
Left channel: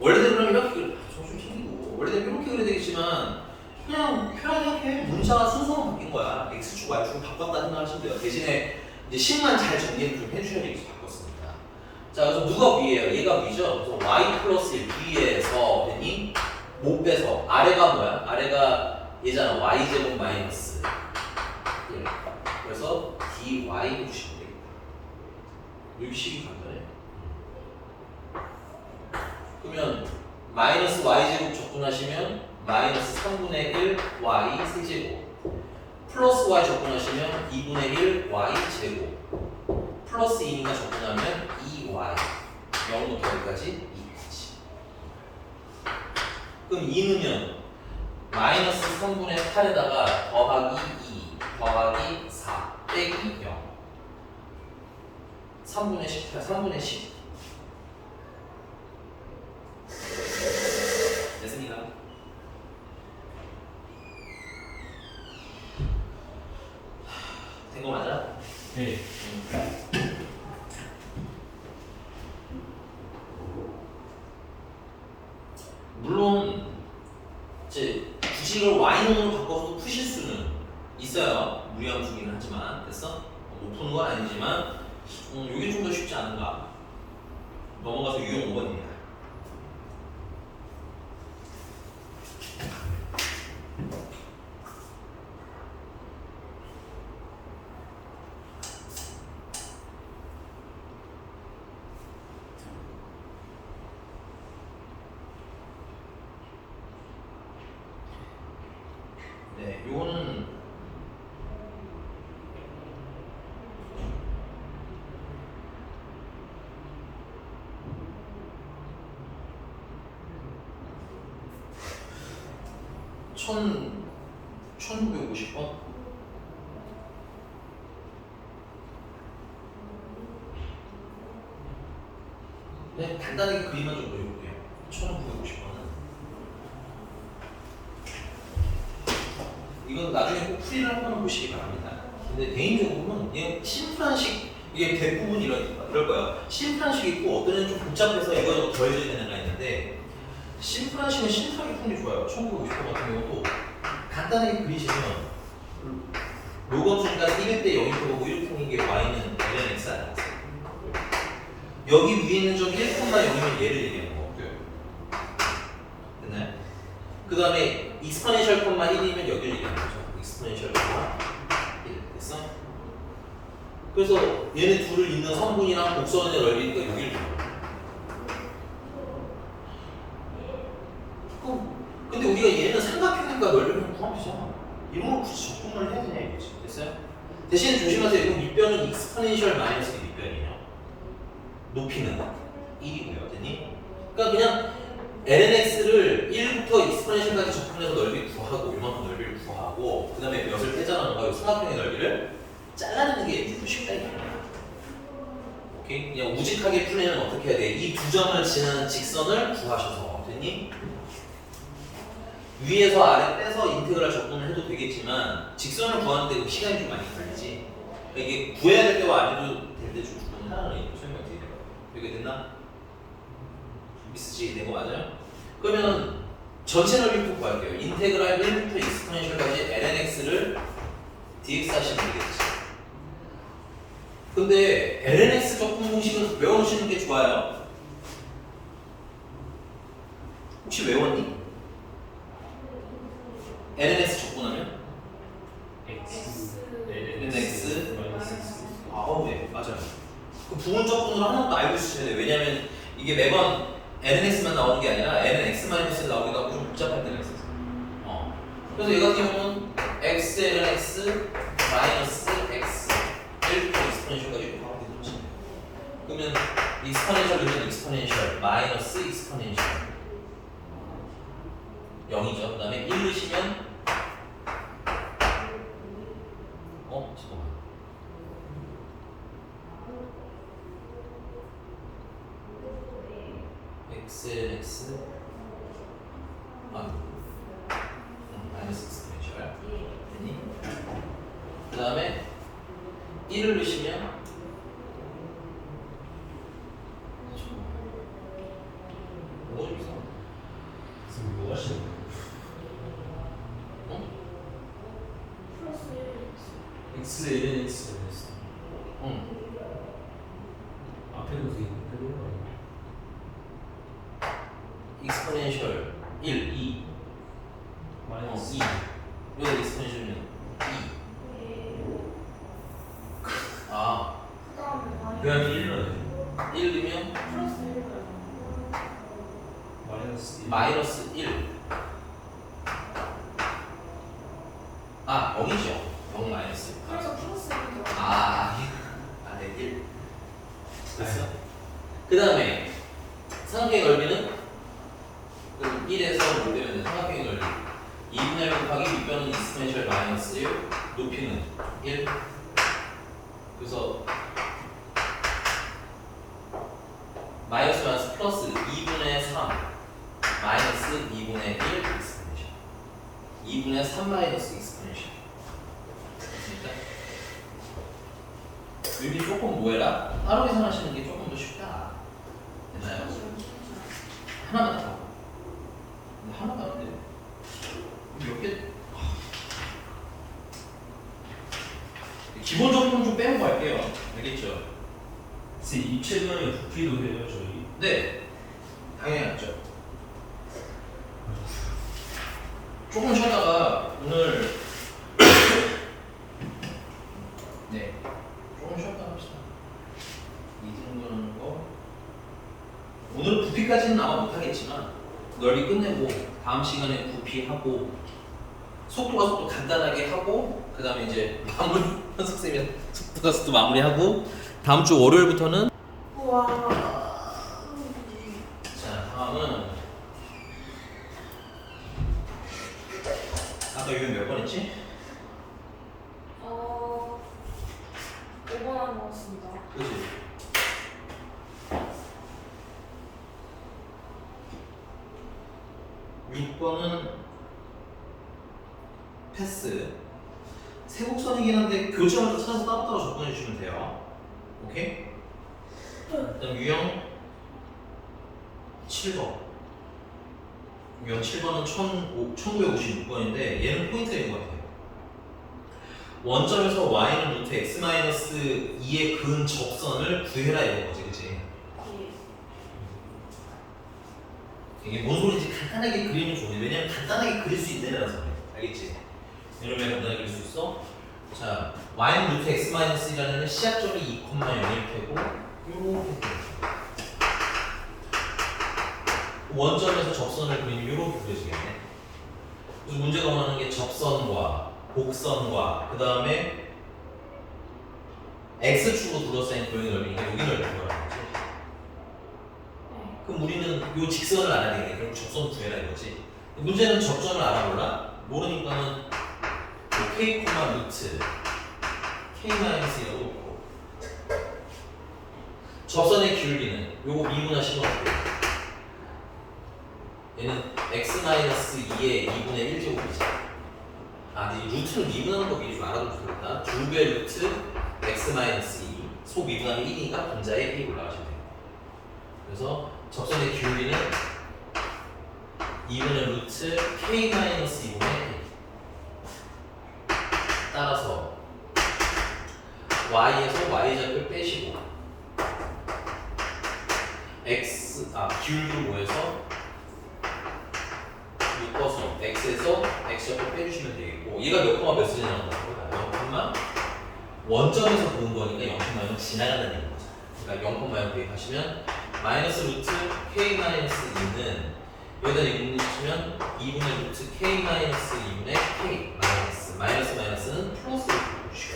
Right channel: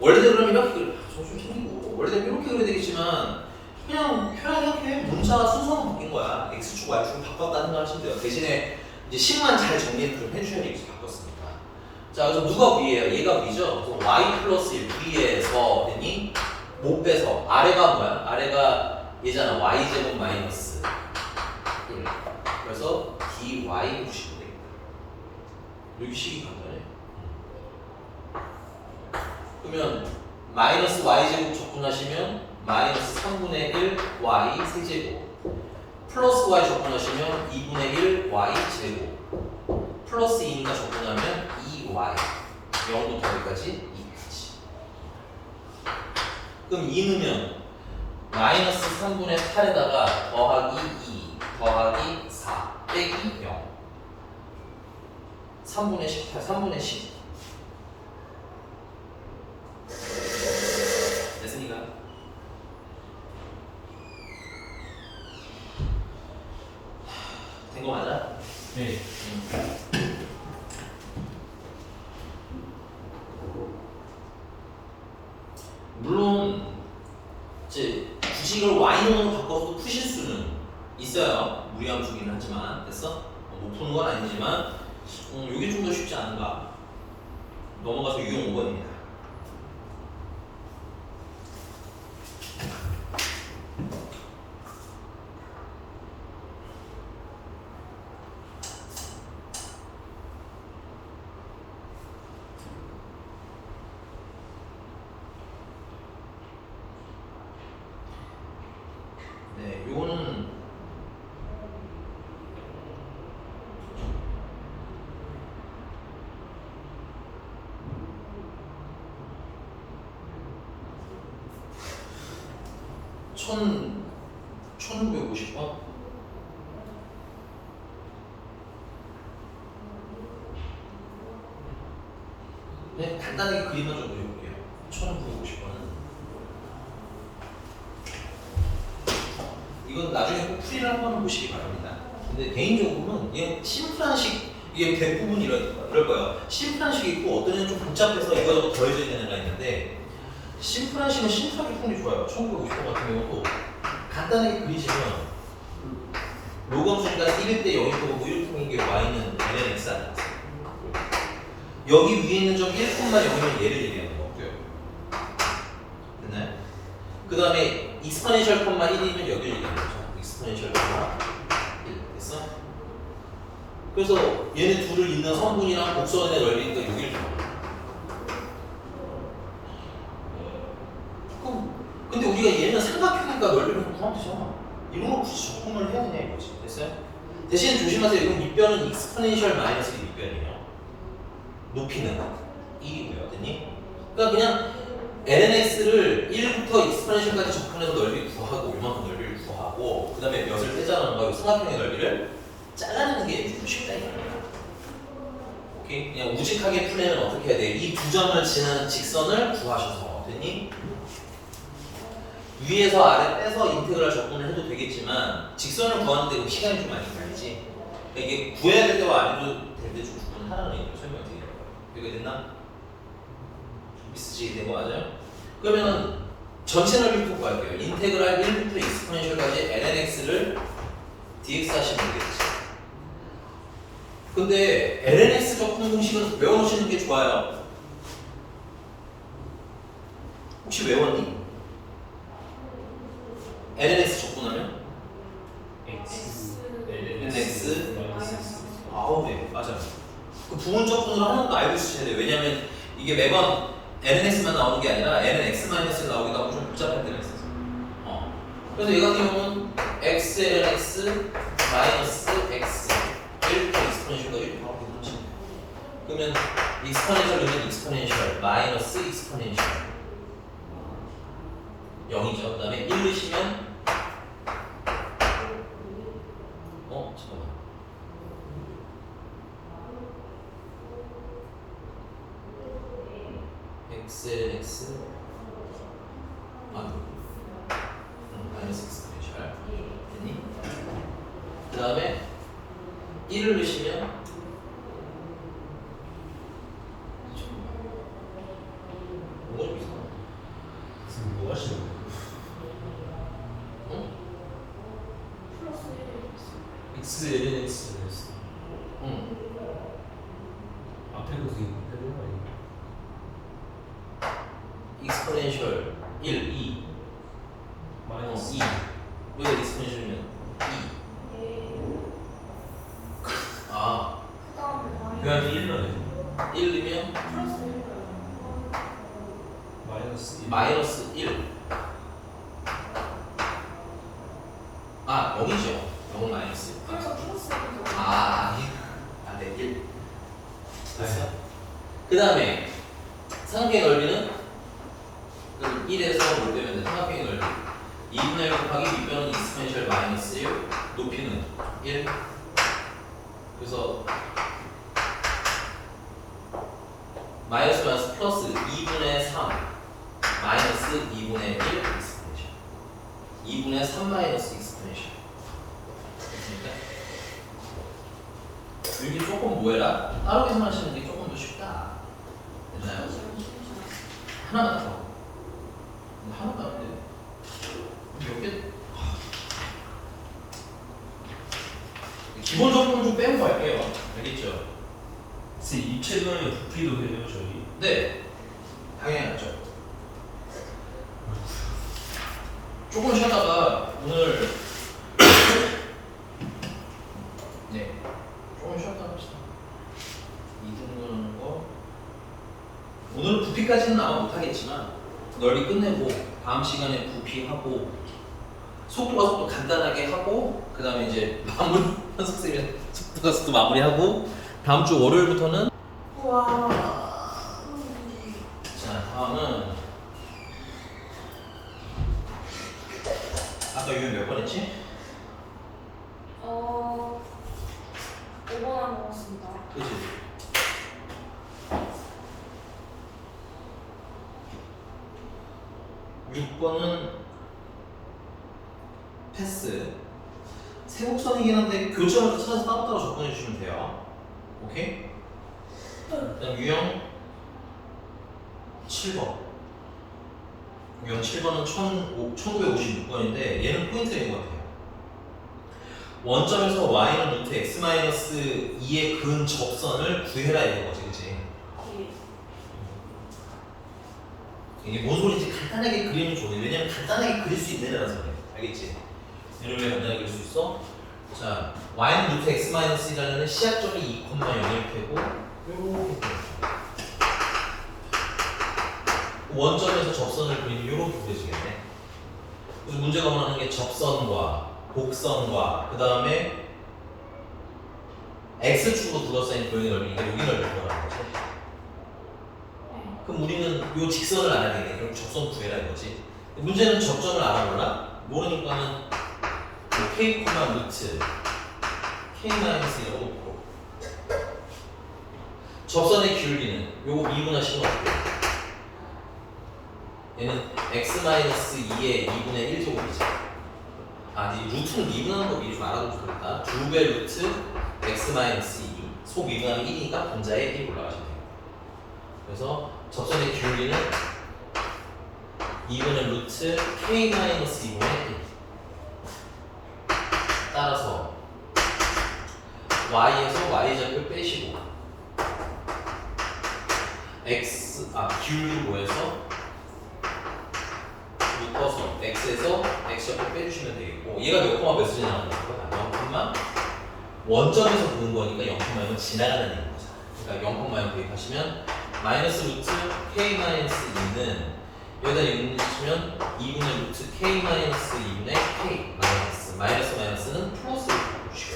원래대로 그러면 이렇게 정신 챙기고 원래대로 이렇게 그려야 되겠지만 그냥 편하게 문자가 순서만 바뀐 거야. x축, y축 바꿨다 생각하시면 돼요. 대신에 이제 식만 잘 정리를 좀 해주셔야 여기서 바꿨으니까. 자, 그래서 누가 위에요? 얘가 위죠? 그래서 y 플러스 1 위에서 되니 못 빼서 아래가 뭐야? 아래가 얘잖아. y제곱 마이너스 1. 그래서 dy 주시면 되겠다. 여기 식이 간단해. 그러면 마이너스 y제곱 적분하시면 마이너스 3분의 1 y 세제곱 플러스 y 적분하시면 2분의 1 y 제곱 플러스 2니까 적분하면 2y 0부터 여기까지 2까지. 그럼 2 넣으면 마이너스 3분의 8에다가 더하기 2 더하기 4 빼기 0 3분의 18 3분의 10 됐습니까? 된 거 맞아? 네. 이제 굳이 이걸 y놈으로 바꿔서도 푸실 수는 있어요. 무리함수긴 하지만 됐어? 못 푸는 건 아니지만 이게 좀 더 쉽지 않은가? 넘어가서 유형 5번입니다. 네, 요거는 천 1950번? 네, 간단하게 그림만 좀 그려볼게요. 1950번은 이건 나중에 꼭 풀이를 한번 보시기 바랍니다. 근데 개인적으로는 그냥 심플한 식, 이게 대부분 이럴 거예요. 심플한 식이 있고 어떤 애는 좀 복잡해서 이거 더해져야 되는 애가 있는데 심플한 식은 심플하게 푸는 게 좋아요. 1950번 같은 경우도 간단하게 그리시면 로그함수니까 1일 때 0이 고 1통인 게 y는 ln x 아니겠어요? 여기 위에 있는 점 1,0이면 얘를 얘기하는 거고요. 됐나요? 그 다음에 익스포넨셜 콤마 1이면 여기를 얘기하는 거죠. 익스포넨셜 콤마 1 됐어? 그래서 얘네 둘을 잇는 성분이랑 곡선의 넓이니까 여기를 얘기하는 거예요. 근데 우리가 얘는 삼각형이니까 넓이를 구하면서 이런 걸 굳이 적분을 해야 되냐 이거지. 됐어요? 대신 조심하세요. 이거 밑변은 익스포넨셜 마이너스 밑변이에요. 높이는 1이고요. 됐니? 그러니까 그냥 lnx를 1부터 익스포넨셜까지 접근해서 넓이 구하고 이만큼 넓이를 구하고 그 다음에 몇을 떼자는 거예요. 삼각형의 넓이를 잘라내는 게 쉽다 이거예요. 오케이? 그냥 우직하게 풀 애는 어떻게 해야 돼? 이 두 점을 지는 직선을 구하셔서 됐니? 위에서 아래 빼서 인테그랄 접근을 해도 되겠지만 직선을 구하는데 시간이 좀 많이 걸리지. 이게 구해야 될 때와 안 해도 될 때 좀 접근하라는 얘기죠. 설명 어떻게 돼요? 이게 됐나? 있으시게 된 거 맞아요? 그러면 전체 넓이부터 구할게요. 인테그랄 1부터 익스포넨셜까지 lnx를 dx 하시면 되겠지. 근데 lnx 적분 공식은 외워놓으시는 게 좋아요. 혹시 외웠니? lnx 적분하면? lnx 아우 네 맞아요. 그 부분 적분으로 하는 거 알고 있으셔야 돼요. 왜냐면 이게 매번 lnx만 나오는 게 아니라 lnx-를 나오기도 하고 좀 복잡할 때가 있어서. 그래서 얘 같은 경우는 xlnx 마이너스 x 1부터 익스포넨셜까지 이렇게 나오게 되지. 그러면 익스포넨셜은 익스포넨셜 마이너스 익스포넨셜 0이죠. 그 다음에 1 넣으시면 잠깐만. xlx 마이너스 익스포넨셜 됐니? 그 다음에 1을 넣으시면 뭐가 좀 이상하네. 지금 뭐 하시는 거예요? 플러스 1. x ln x 했어. 앞에도 지금 해보는 거 익스포넨셜 1, 2 마이너스 2 왜 익스포넨셜이면 2 아 그냥 1 넣어야지. 1이면 플러스 1. 마이너스 1. 마이너스 1 아 0이죠. 0 마이너스 1 그래서 플러스 1. 네, 1 됐어? 그 다음에 삼각형의 넓이는 1에서 뭘 빼면 돼? 삼각형의 넓이 2분의 1 곱하기 밑변은 익스포넨셜 마이너스 1 높이는 1 그래서 마이너스 마이너스 플러스 2분의 3 마이너스 2분의 1 익스포넨셜 2분의 3 마이너스 익스포넨셜 됐습니까? 여기 조금 뭐해라? 따로 계산하시는 게 조금 더 쉽다 됐나요? 하나만 더 하나만 하면 돼요 몇 개? 기본 적분 좀 빼고 갈게요. 알겠죠? 그래서 입체도면 부피도 돼요 저희. 네, 당연히 알죠. 조금 쉬었다가 오늘 네, 조금 쉬었다가 합시다. 이 정도는 거 오늘은 부피까지는 아마 못하겠지만 넓이 끝내고 다음 시간에 부피하고 속도 간단하게 하고 그 다음에 이제 마무리 현석쌤이 속도 마무리하고 다음 주 월요일부터는 우와. 자 다음은 아까 유형 몇 번 했지? 5번 안 먹었습니다. 그치? 육 번은 패스. 세곡선이긴 한데 교재마다 찾아서 따로따로 접근해 주시면 돼요. 오케이? 일단 유형 7번. 유형 7번은 1956번인데 얘는 포인트가 있는 것 같아요. 원점에서 y는 루트 x-2에 그은 접선을 구해라 이런 거지, 그치? 예. 이게 뭔 소리인지 간단하게 그리면 좋네. 왜냐면 간단하게 그릴 수 있는 애라서 그래. 알겠지? 이러면 간단하게 그릴 수 있어. 자, y는 루트 x-2라는 시작점이 2,0일 되고 요렇게 원점에서 접선을 그리면 요렇게 그려지겠네. 그래서 문제가 원하는 게 접선과 곡선과 그 다음에 x축으로 둘러싸인 도형의 넓이니까 여기 넓이 구하라는 거지. 네. 그럼 우리는 요 직선을 알아야 되겠네. 그럼 접선 구해라 이거지. 문제는 접점을 알아볼라? 모르니까는 요 k, 루트 k-1이라고 놓고 접선의 기울기는 요거 미분하시는 거 어때요? 얘는 x-2의 2분의 1제곱이죠. 이 루트를 미분하는 거 미리 좀 알아두면 좋겠다. 2배 루트 x-2 소 미분하면 1이니까 분자에 1이 올라가시면 돼요. 그래서 접선의 기울기는 2분의 루트 k-2분의 1. 따라서 y에서 y좌표를 빼시고 기울기 구해서 묶어서 x에서 x좌표 빼주시면 되겠고 얘가 몇 콤마 몇을 지나가는 거야? 0콤마 원점에서 보는 거니까 0콤마는 지나가는 얘기인 거잖아. 그러니까 0콤마 대입하시면 마이너스 루트 k-2는 여기다 0 붙이면 2분의 루트 k-2분의 k 마이너스는 플러스로 바꿔주시고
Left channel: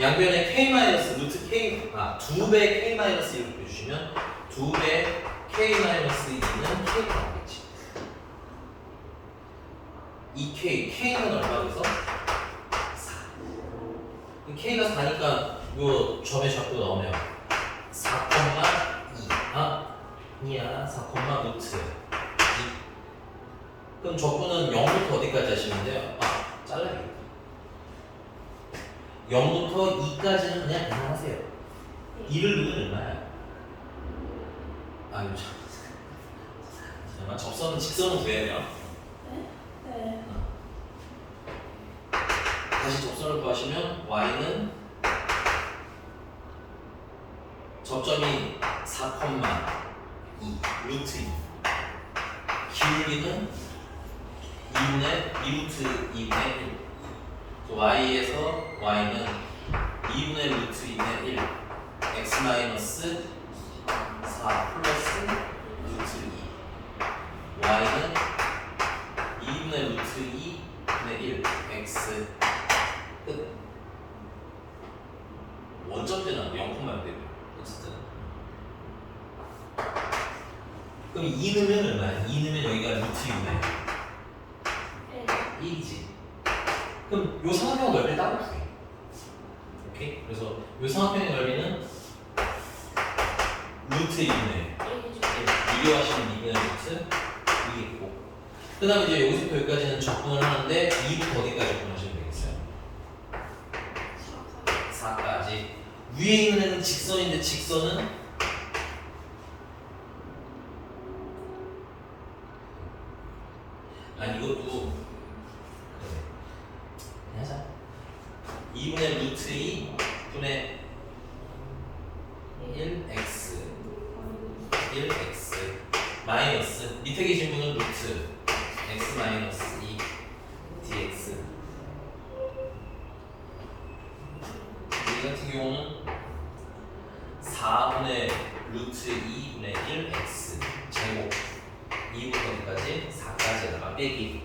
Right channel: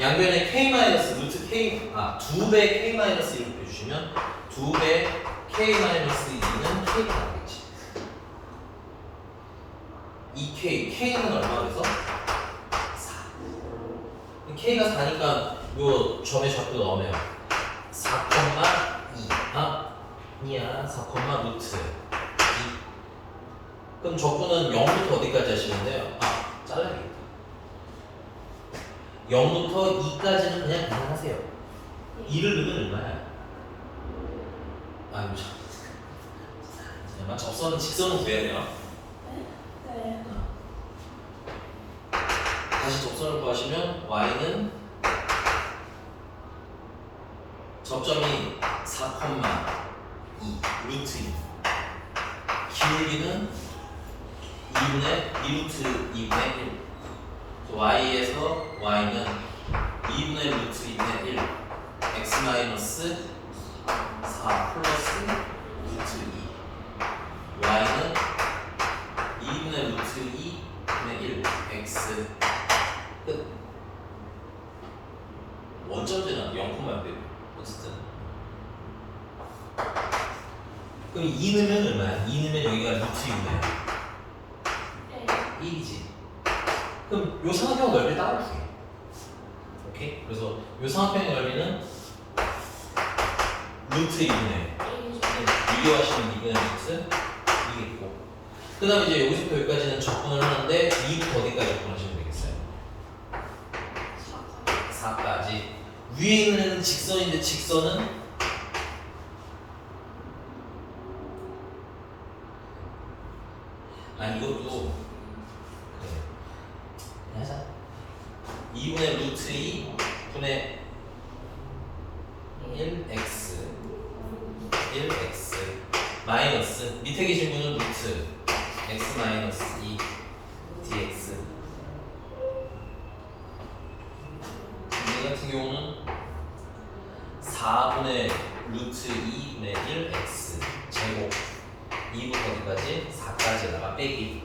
양변에 루트 k 2배 k-1을 빼주시면 2배 k-2는 k가 나오겠지. 2k, k는 얼마 돼서? 4. k가 4니까 요 점의 좌표 넣으면 4,2 아니야 4, 루트 2. 그럼 적분은 0부터 어디까지 하시면 돼요? 잘라야겠다. 0부터 2까지는 그냥 계산하세요. 2를 넣으면 얼마야? 잠깐만 접선은 직선은 구해야 돼요. 네. 다시 접선을 구하시면 y는 접점이 4,2 루트 2 기울기는 2루트 2분의 1 y에서 y는 2분의 루트 2분의 1 x 마이너스 4 플러스 루트 2 y는 2분의 루트 2분의 1 x 끝. 원점제는 0,0 되고 어쨌든 그럼 2 넣으면 얼마야? 2 넣으면 여기가 루트 6이네. 네. 1이지. 그럼 요 삼각형 넓이를 따로 구해. 오케이? 그래서 요 삼각형의 넓이는 루트 2분의 유리하시면 2분의 루트 2겠고 그 다음에 이제 여기서부터 여기까지는 접근을 하는데 2부터 어디까지 접근하시면 되겠어요? 4까지. 위에 있는 애는 직선인데 직선은 아니 이것도 그래 그냥 하자. 2분의 루트 2 분의 1x 1x 마이너스 밑에 계신 분은 루트 x 마이너스 2 dx. 이 같은 경우는 4분의 루트 2분의 1x 제곱 2부터 어디까지? 4까지에다가 빼기.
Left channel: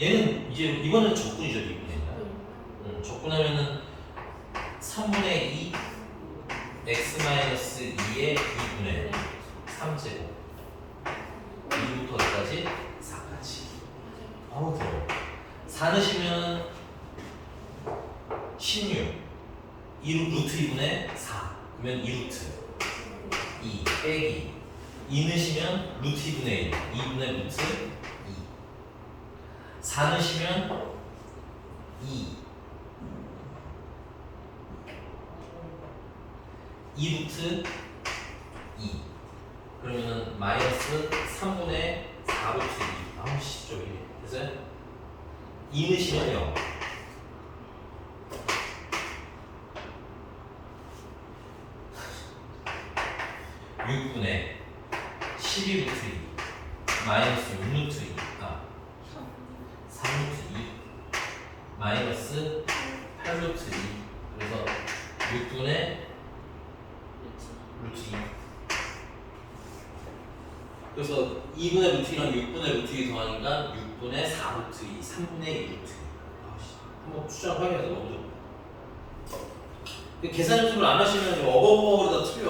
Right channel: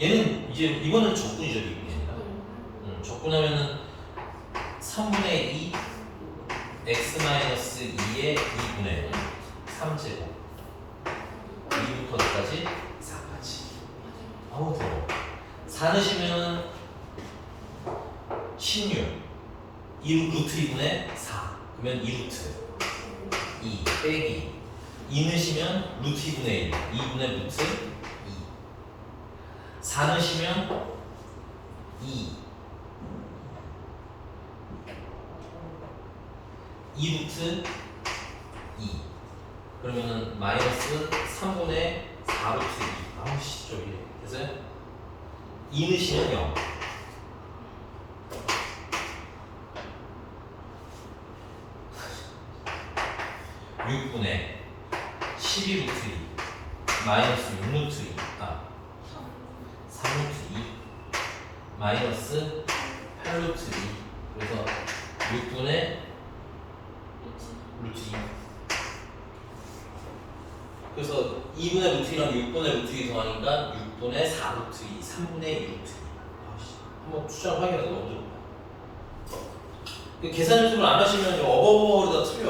얘는 이제 이거는 적분이죠. 2분이 아니라 적분하면은 3분의 2 x 마이너스 2의 2분의 3제곱 2부터 어디까지? 4까지. 아우 더워. 4 넣으시면 16 2 루트 2분의 4 그러면 2루트 2 빼기 2 넣으시면 루트 2분의 1 2분의 루트 2 4 넣으시면 2루트 2 그러면은 마이너스 3분의 4루트 2 아우씨 좀 이래. 그래서 2 넣으시면 0 6분의 12루트 2 마이너스 6루트 2 3루트 2 마이너스 8루트 2 그래서 6분의 루트 2 그래서 2분의 루트 2랑 6분의 루트 2 더하니까 6분의 4루트 2 3분의 2루트 2 한번 추정 확인해도 너무 좋다. 계산 연습을 안 하시면 어버버버다 틀려.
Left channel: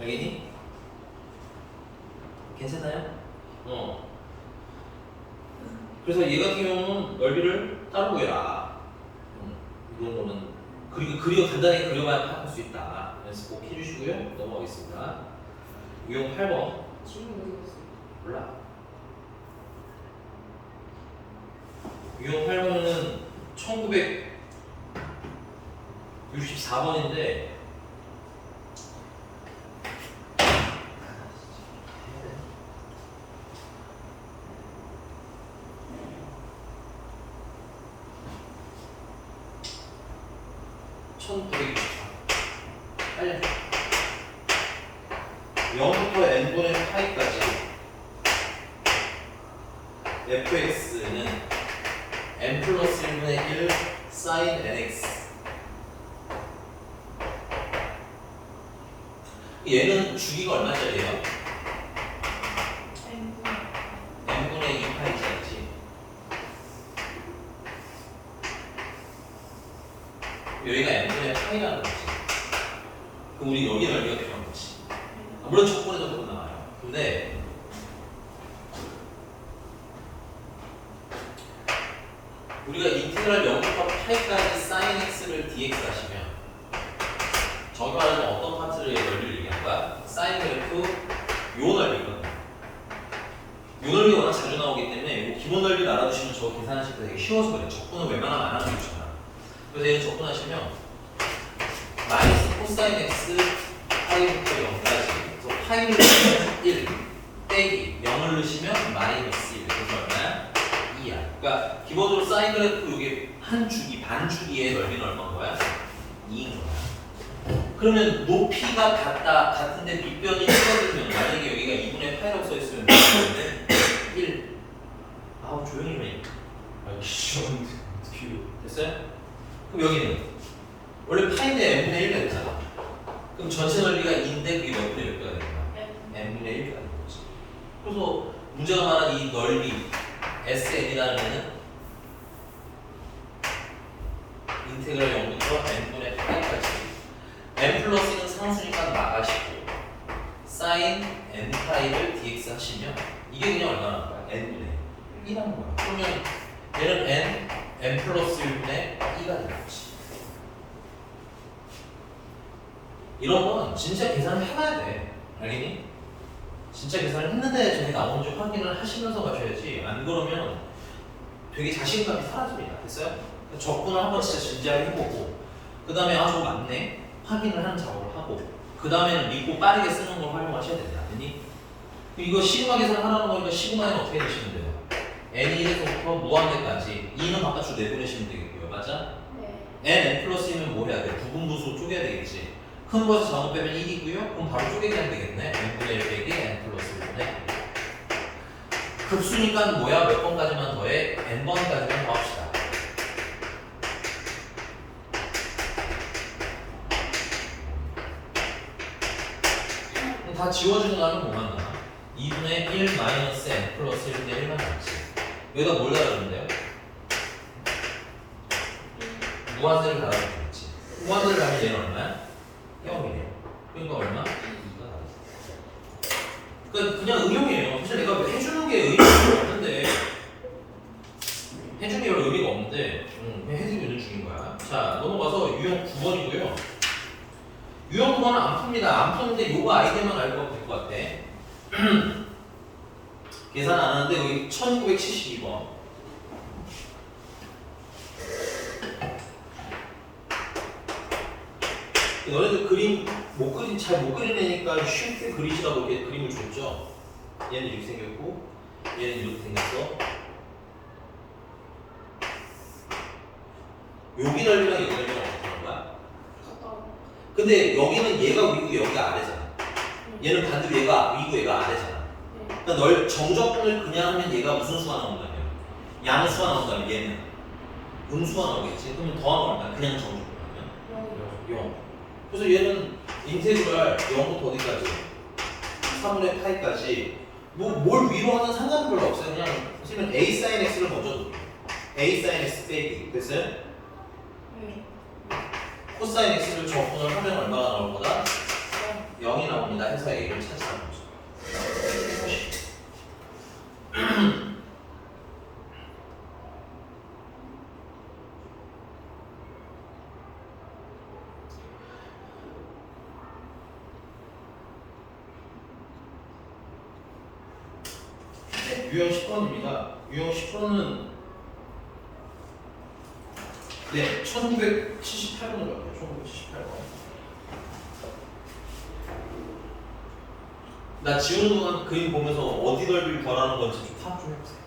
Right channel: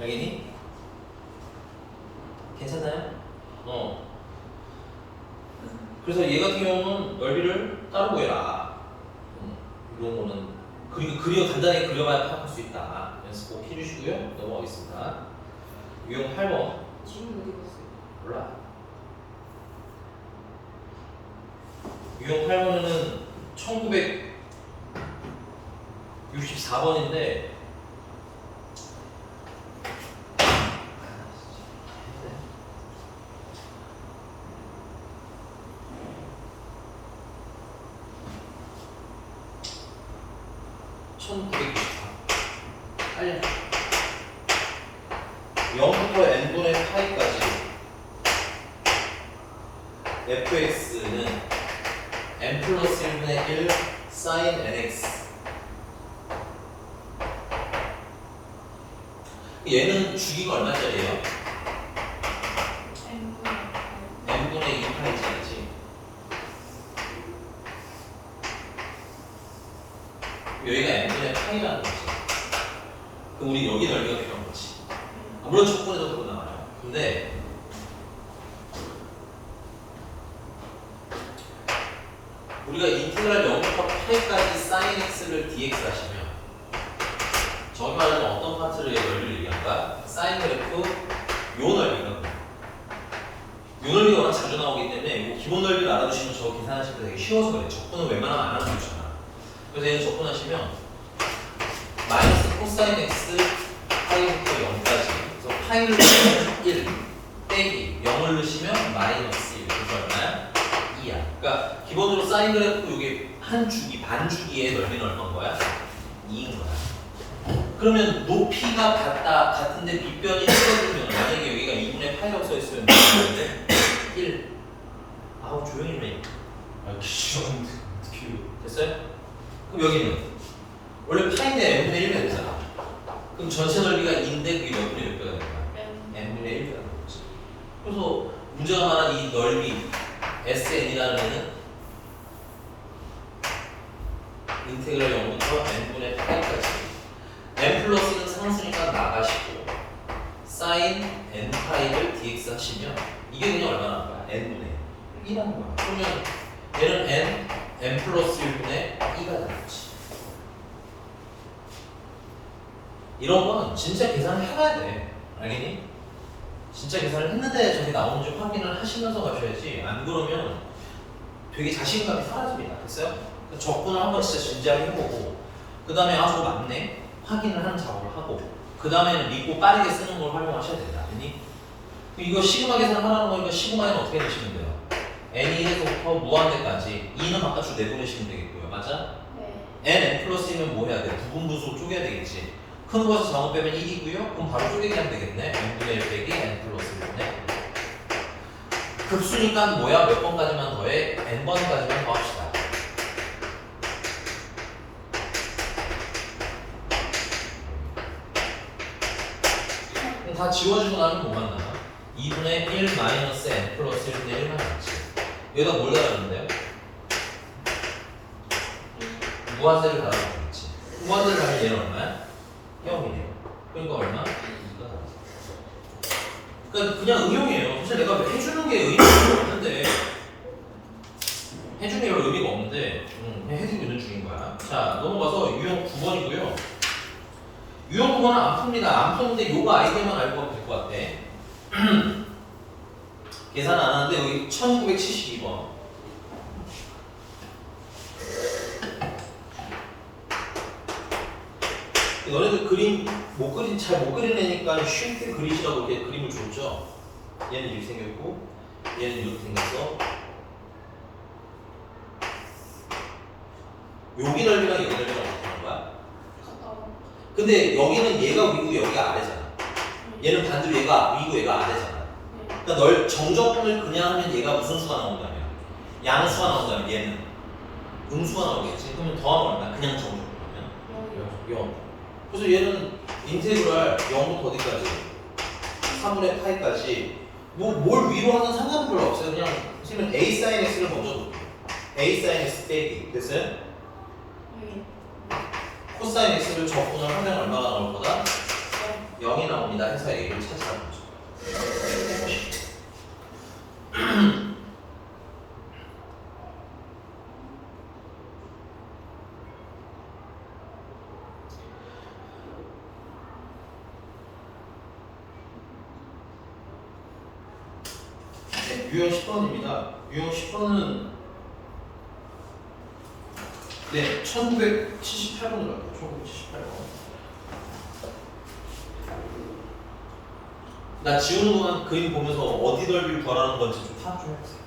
알겠니? 괜찮나요? 그래서 얘 같은 경우는 넓이를 따로 구해라. 이런 거는 그리고 간단히 그려봐야 파악할 수 있다. 연습 꼭 해주시고요. 넘어가겠습니다. 유형 8번. 지금 어디 갔어요? 몰라. 유형 8번은 1964번인데 빨리 0부터 n분의 파이까지 fx는 n 플러스 1분의 1 sin nx 얘는 주기가 얼마짜리예요? n분의 2 파이짜리지. 여기가 n분의 파이라는 거지. 그럼 우리 여기 넓이가 필요한 거지. 물론 적분에도 그런단 말이야. 근데 우리가 인테그랄 0부터 8까지 sin x를 dx 하시면 저기 말하는 어떤 파트의 넓이를 얘기한가? sin 그래프 요 넓이거든. 요 넓이가 워낙 자주 나오기 때문에 요 기본 넓이를 알아두시면 저 계산하실 때 되게 쉬워서 그래요. 적분은 웬만하면 안 하는 게 좋잖아. 그래서 얘는 적분하시면 마이너스 코사인 x 파이부터 0까지 그래서 파이를 넣으시면 1 빼기 0을 넣으시면 마이너스 1 그래서 얼마야? 2야. 그러니까 기본적으로 사인 그래프 이게 한 주기, 반 주기의 넓이는 얼마인 거야? 2인 거야. 그러면 높이가 같은데 밑변이 1거든요. 만약에 여기가 2분의 파이라고 써있으면 1 아우 조용히 해. 귀여운데 어떻게 됐어요? 그럼 여기는 원래 파인데 n분의 1가 되잖아. 그럼 전체 넓이가 2인데 그게 몇 분의 몇 개가 되는 거야? n분의 1가 되는 거지. 그래서 문제가 말한 이 넓이 SN이라는 애는 인테그랄 0부터 n분의 파이까지 n 플러스 1은 상수니까 나가시고 sin n 파이를 dx 하시면 이게 그냥 얼마나 나올 거야? n분의 1이라는 거야. 그러면 얘는 n 플러스 1분의 2가 되는 거지. 이런 건 진짜 계산을 해봐야 돼. 알겠니? 진짜 계산을 했는데 저게 나오는지 확인을 하시면서 가셔야지. 안 그러면 되게 자신감이 사라집니다. 됐어요? 적분을 한번 진짜 진지하게 해보고 그 다음에 아 저거 맞네? 확인을 하는 작업을 하고 그 다음에는 믿고 빠르게 쓰는 걸 활용하셔야 된다. 알겠니? 이거 시그마 계산하라는 거니까 시그마는 어떻게 내시면 돼요? n이 1에서부터 무한대까지 2는 바깥으로 내보내시면 되겠고요. 맞아? 네. n 플러스이면 뭐 해야 돼? 부분부수로 쪼개야 되겠지. 큰 거에서 작은 거 빼면 1이고요. 그럼 바로 쪼개기 하면 되겠네. n분의 1 빼기 n 플러스 1분의 급수니까 뭐야? 몇 번까지만 더해? n번까지만 더합시다. 다 지워지고 나면 뭐만 나? 2분의 1 마이너스 n 플러스 1분의 1만 남지. 여기다 뭘 달아주는데요? 무한대를 달아주겠지. 무한대를 달면 얘는 얼마야? 0이에요. 그러니까 얼마? 2가 그러니까 그냥 응용이에요. 사실 내가 해주는 게 의미가 없는데 해주는 게 별로 의미가 없는데 그냥 해주고 있는 중인 거야. 자 넘어가서 유형 9번이고요. 유형 9번은 안 풉니다. 안 푸는데 요거 아이디어만 알고 가면 될 것 같아. 계산 안 하는데 여기 1972번. 너네들 그림 잘 못 그리내니까 쉽게 그리시라고 이렇게 그림을 줬죠. 얘는 이렇게 생겼고 얘는 이렇게 생겼어. 여기 넓이랑 여기 넓이랑 어떻게 하는 거야? 가까워. 근데 여기는 얘가 위고 여기가 아래잖아. 얘는 반대로 얘가 위고 얘가 아래잖아. 그러니까 정적분을 그냥 하면 얘가 무슨 수가 나온다면 양수가 나온다면 얘는 음수가 나오겠지. 그러면 더하면 얼마야? 그냥 정적분하면 0. 그래서 얘는 인테그랄 0부터 어디까지? 3분의 파이까지 뭘 위로 하는 상관은 별로 없어요. 그냥 선생님은 a sin x를 먼저 놓을게요. a sin x 빼기 됐어요? 코사인 x를 적분을 하면 얼마가 나올 거다? 0이 나옵니다. 해서 a를 찾으라고 하죠. 유형 10번입니다. 유형 10번은 네, 1978번으로 갈게요. 1978번. 나 지우는 동안 그림 보면서 어디 넓이를 덜하는 건지 좀 파악 좀 해보세요.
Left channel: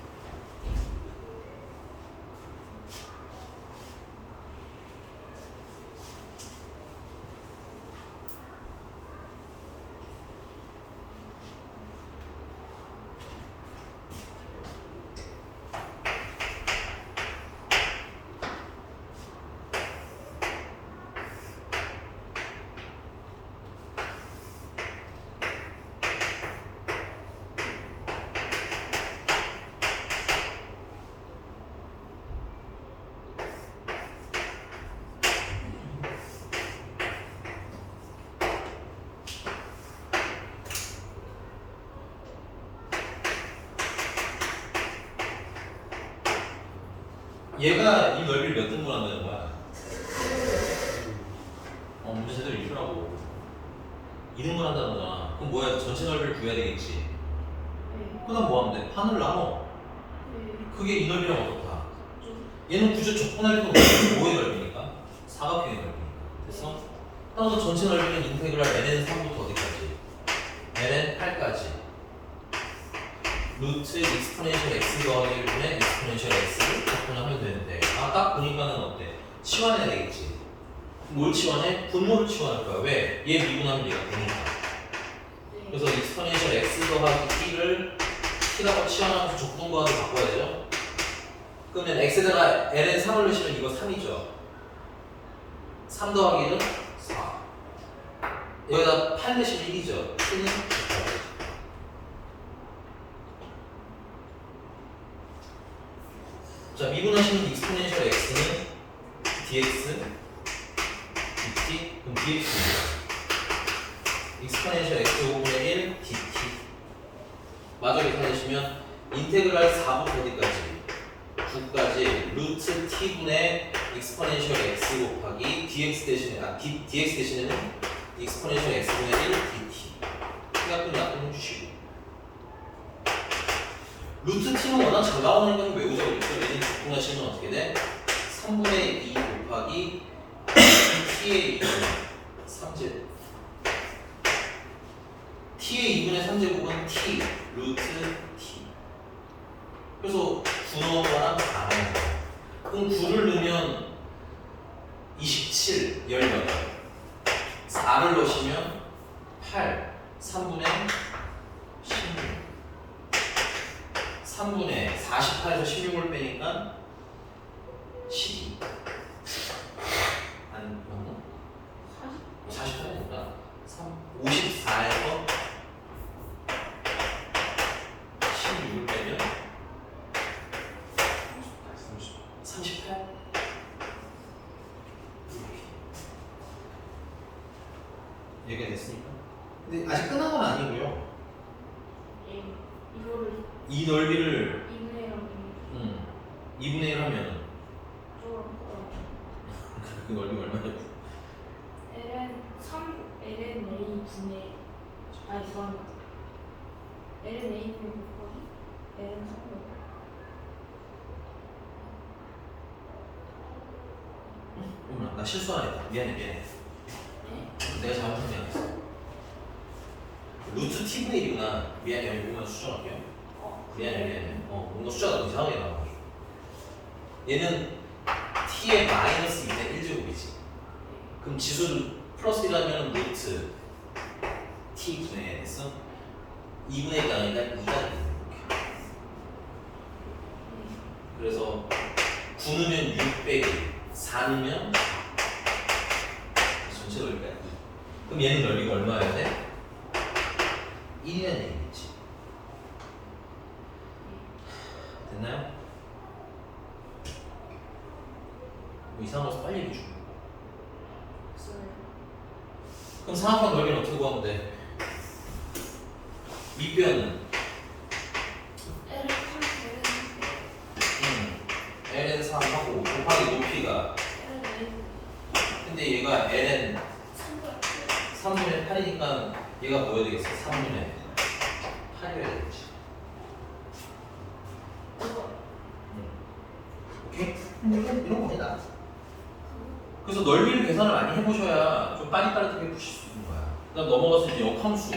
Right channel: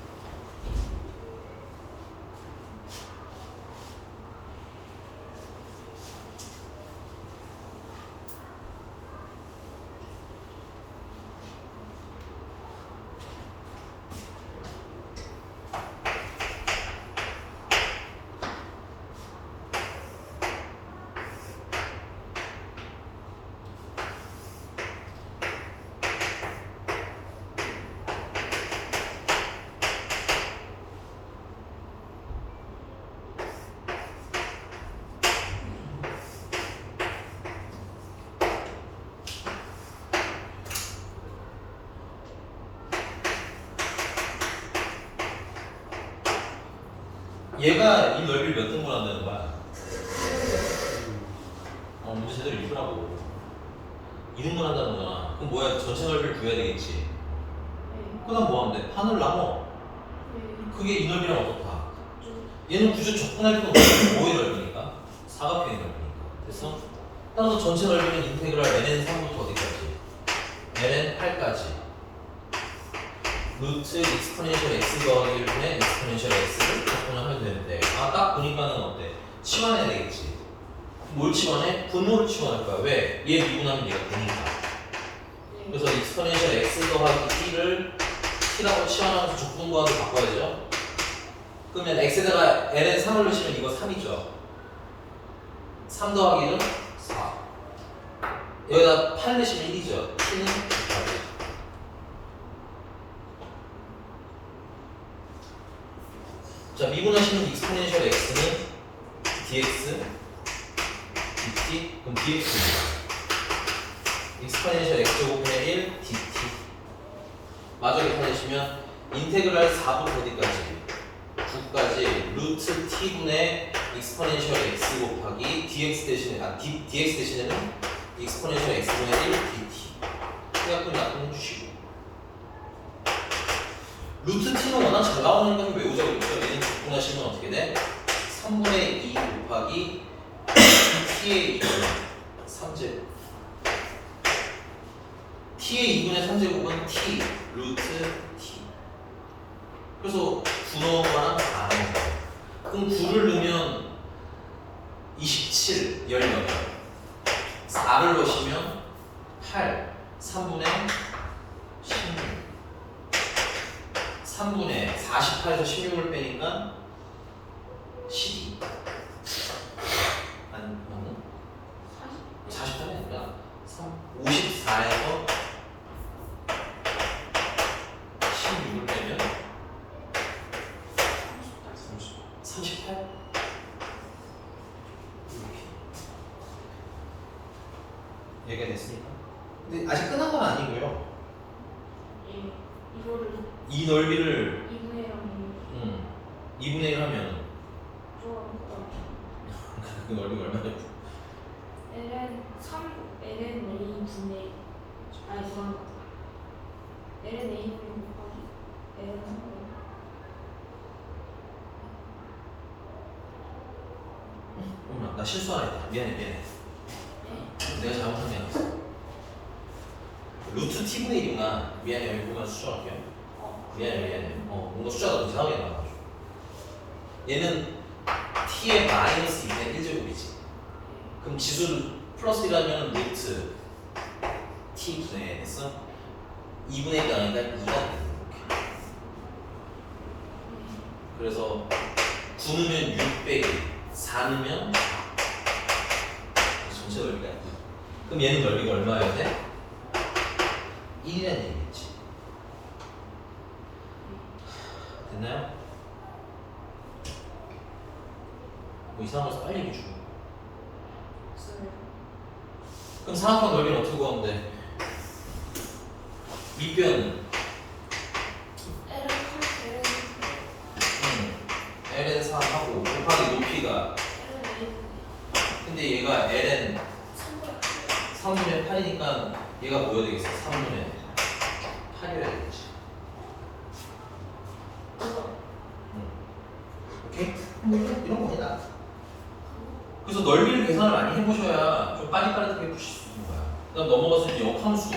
얘가 이 넓이를 몇 등분 한다는 거야? 문제 제대로 읽으라고. 2등분 한다는 거잖아. 그럼 뭐야? 전체 넓이를 구해야 되겠지. 그 다음 뭐 하면 돼? 판을 나눠. 그게 이 넓이랑 어떻다? 얘는 구조 적분할 때 뭐의 넓이니까? 사각형의 넓이니까. 됐어? 따라서 전체 넓이는 인테그랄 ln 3부터 어디까지? ln 8까지. 루트 익스포넨셜 x 더하기 1분의 익스포넨셜 x를 적분하면 되는데 딱 보니까는 어때? 치환해야 되겠지. 뭘 치환해? 분모를 치환할 거야. 왜? 얘 미분하면 얘가 되니까. 그래서 익스포넨셜 x 더하기 t를 t라고 치환하면서 적분과를 바꿔야죠. 그러면 x에다가 ln 3을 넣으시면 이거 3이죠. 3 더하기 1은 4. 여기다 8 넣으시면 1이죠. t는 9. 자, 미분하시는 익스포넨셜 x는 dx, dt, 그럼 dx입니다. 익스포넨셜 x5분의 1 dt. 마저 계산하시면 인테그랄 4부터 어디까지? 9까지 루트 t분의 익스포넨셜 x 곱하기 dx 대신에 dx 대신에는 익스포넨셜 x분의 1 dt. 약분 해주시고. 루트 t는 워낙 잘 나오는 건 외우자고 그랬죠. 얘는 적분하시면 어떻게 돼? 3분의 2 곱하기 t의 3제 t의 2분의 3제곱은 t 루트 t. 그래서 9 넣어봐라 4 넣어봐. 그럼 9를 넣으면 27, 18. 4를 넣으시면 8, 3분의 16. 3분의 48에서 16을 빼니까 12. 아니, 48이 아니라 54에서 16을 빼면 38. 얘기가 됐으니까. 근데 아직 끝난 건 아니고요. 이거를 이 넓이를 2분의 1하면 2분의 1 하면 좀 그 넓이가 얼마냐? ln 3 ln a 분의 아니 죄송합니다. ln a 분의 곱하기 ln 3분의 어머나, 나 실수하라 했다. 미안해. 내가 잘못한 게 아니었어. 루트 t분의 1인가? 미안해, 여기 보면 수정할게요. 미안해. 뭔가 숫자가 너무 이상하게 나와가지고. 얘는 t의 마이너스 2분의 1제곱이지. 그럼 지수를 플러스 1하면 루트 t분의 1 했어? 2분의 1이 아니라 2가 되는 이렇게. 그래서 9 넣으면 6 빼기 4 넣으면 전체 넓이가 아니지. 그럼 얘는 넓이가 얼마여야 돼? 1이라는 얘기겠지. 됐나요? 뭐 이상해서 빨리 얘기해 줘. 그럼 상악과 넓이는 어떻게 구하면 돼? 밑변은 ln 3하고 곱하기 높이가 근데 얘가 ln 3분의 8이니까 얘가 뭐여야 되겠어? 3분의 8이어야 되겠지. 오케이? 이런 겁니다. 그래서 넓이를 계산을 많이 해보셔야 좀 빠릿빠릿하게 푸실 수 있는 거야. 그 다음 넘어가서 이제 역함수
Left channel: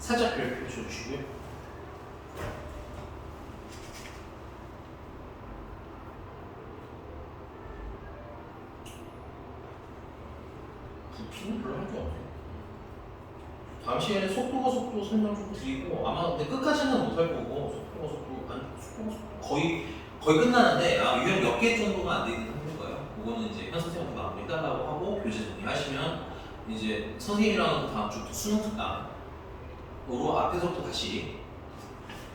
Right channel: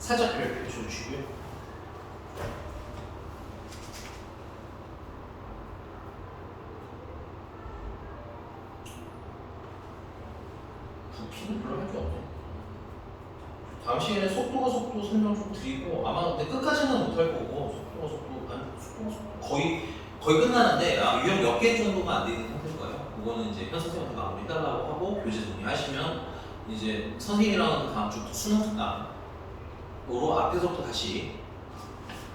살짝 별표 주시고요. 부피는 별로 할 게 없네. 다음 시간에 속도 설명 좀 드리고 아마 근데 끝까지는 못 할 거고 속도가 거의 끝나는데 유형 몇 개 정도가 안 되는 상태일 거예요. 그거는 이제 현 선생님한테 마무리 해달라고 하고 교재 정리하시면 이제 선생님이랑 다음 주부터 수능 특강으로 앞에서부터 다시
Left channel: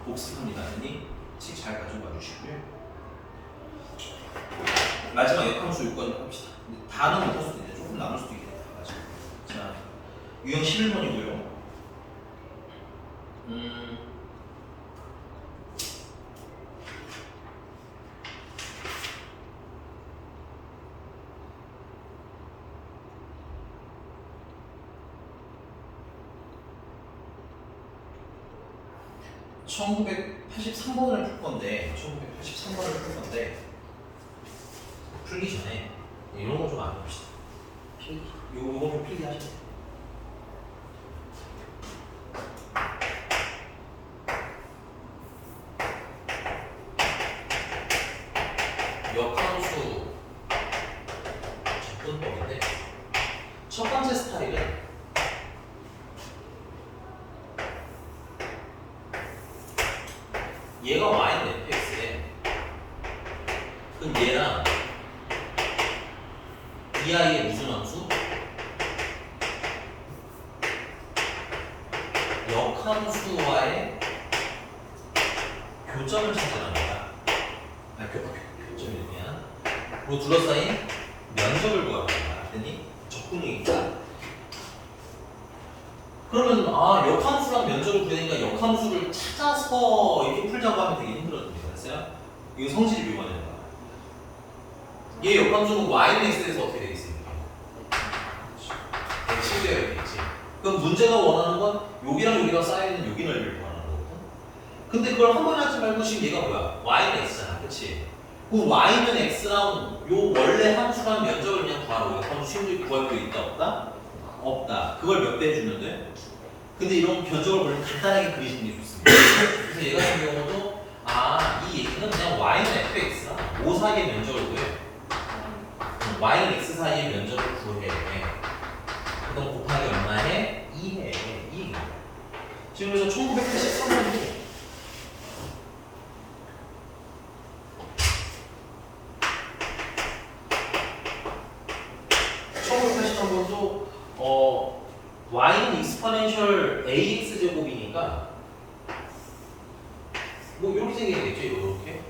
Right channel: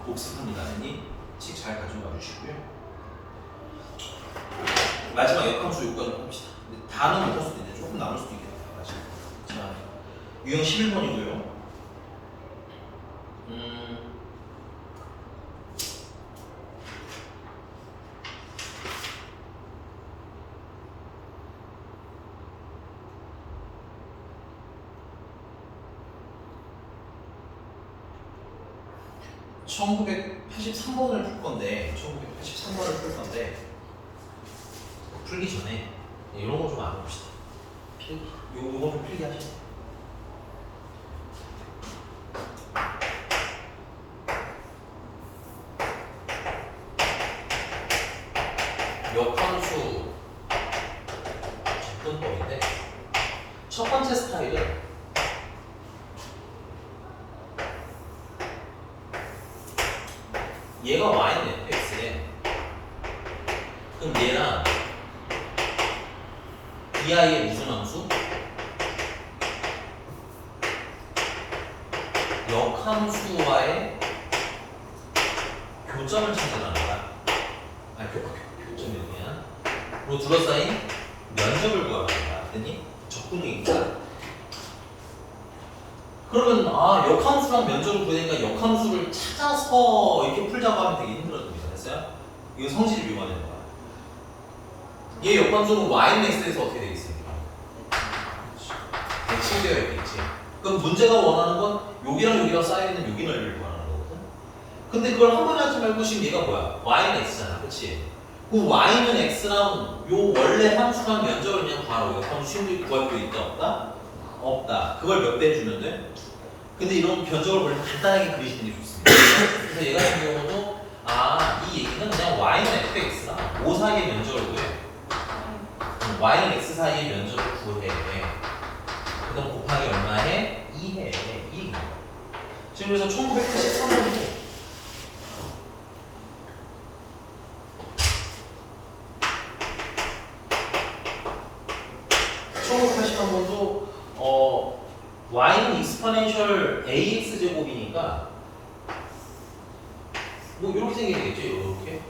복습합니다. 그러니 책 잘 가져가 주시고요. 마지막 역함수 요까지 합시다. 근데 다는 못 할 수도 있는데 조금 남을 수도 있겠다. 마지막. 자, 유형 11번이고요. 1983번을 풀 건데 풀기 전에 이런 거 좀 알아봅시다. 요거 좀 필기 하시죠. 역함수 접근법인데 첫 번째 스타일은 얘가 y는 fx래. 그럼 얘랑 이 아이의 무슨 함수? 역함수와의 교점을 찾아가는 거야. 교점이 뭐냐? 로 둘러싸인 면적을 구하는 거야. 그랬더니 적분이니까. 그러면 역함수랑 면적을 구하니까 역함수를 찾아서 이렇게 풀자고 하면 되게 힘들어집니다. 됐어요? 이거 성질이 미화되는 거야. 얘 역함수는 y는 x에서 어떻게 되겠습니까? 대칭되어 있겠지. 그럼 문제가 원하는 건 여기랑 쌓여있는 여기 넓이를 구하는 거거든. 근데 그걸 한 번에 하지 말고 지금 얘가 뭐야? y는 x잖아. 그치? 그 y는 x랑 요 원래 함수랑 면적을 그냥 구하라고. 역함수 심리 구할 필요 있다 없다? 없다. 그걸 몇 배 주면 돼? 근데 이런 변적을 원래 간단하게 그리시는 게 좋습니다. 그래서 얘 같은 경우도 이 얘기는 그냥 y는 fx랑 5 사이의 면적을 구해. y는 x 사이의 면적을 구해. 그다음 곱하기 얼마에? 2해. 이 지금 그래서 1983년도 1983년도 y는 익스포넨셜 ax 제곱이니까 뭐 이렇게 생기겠죠, 이렇게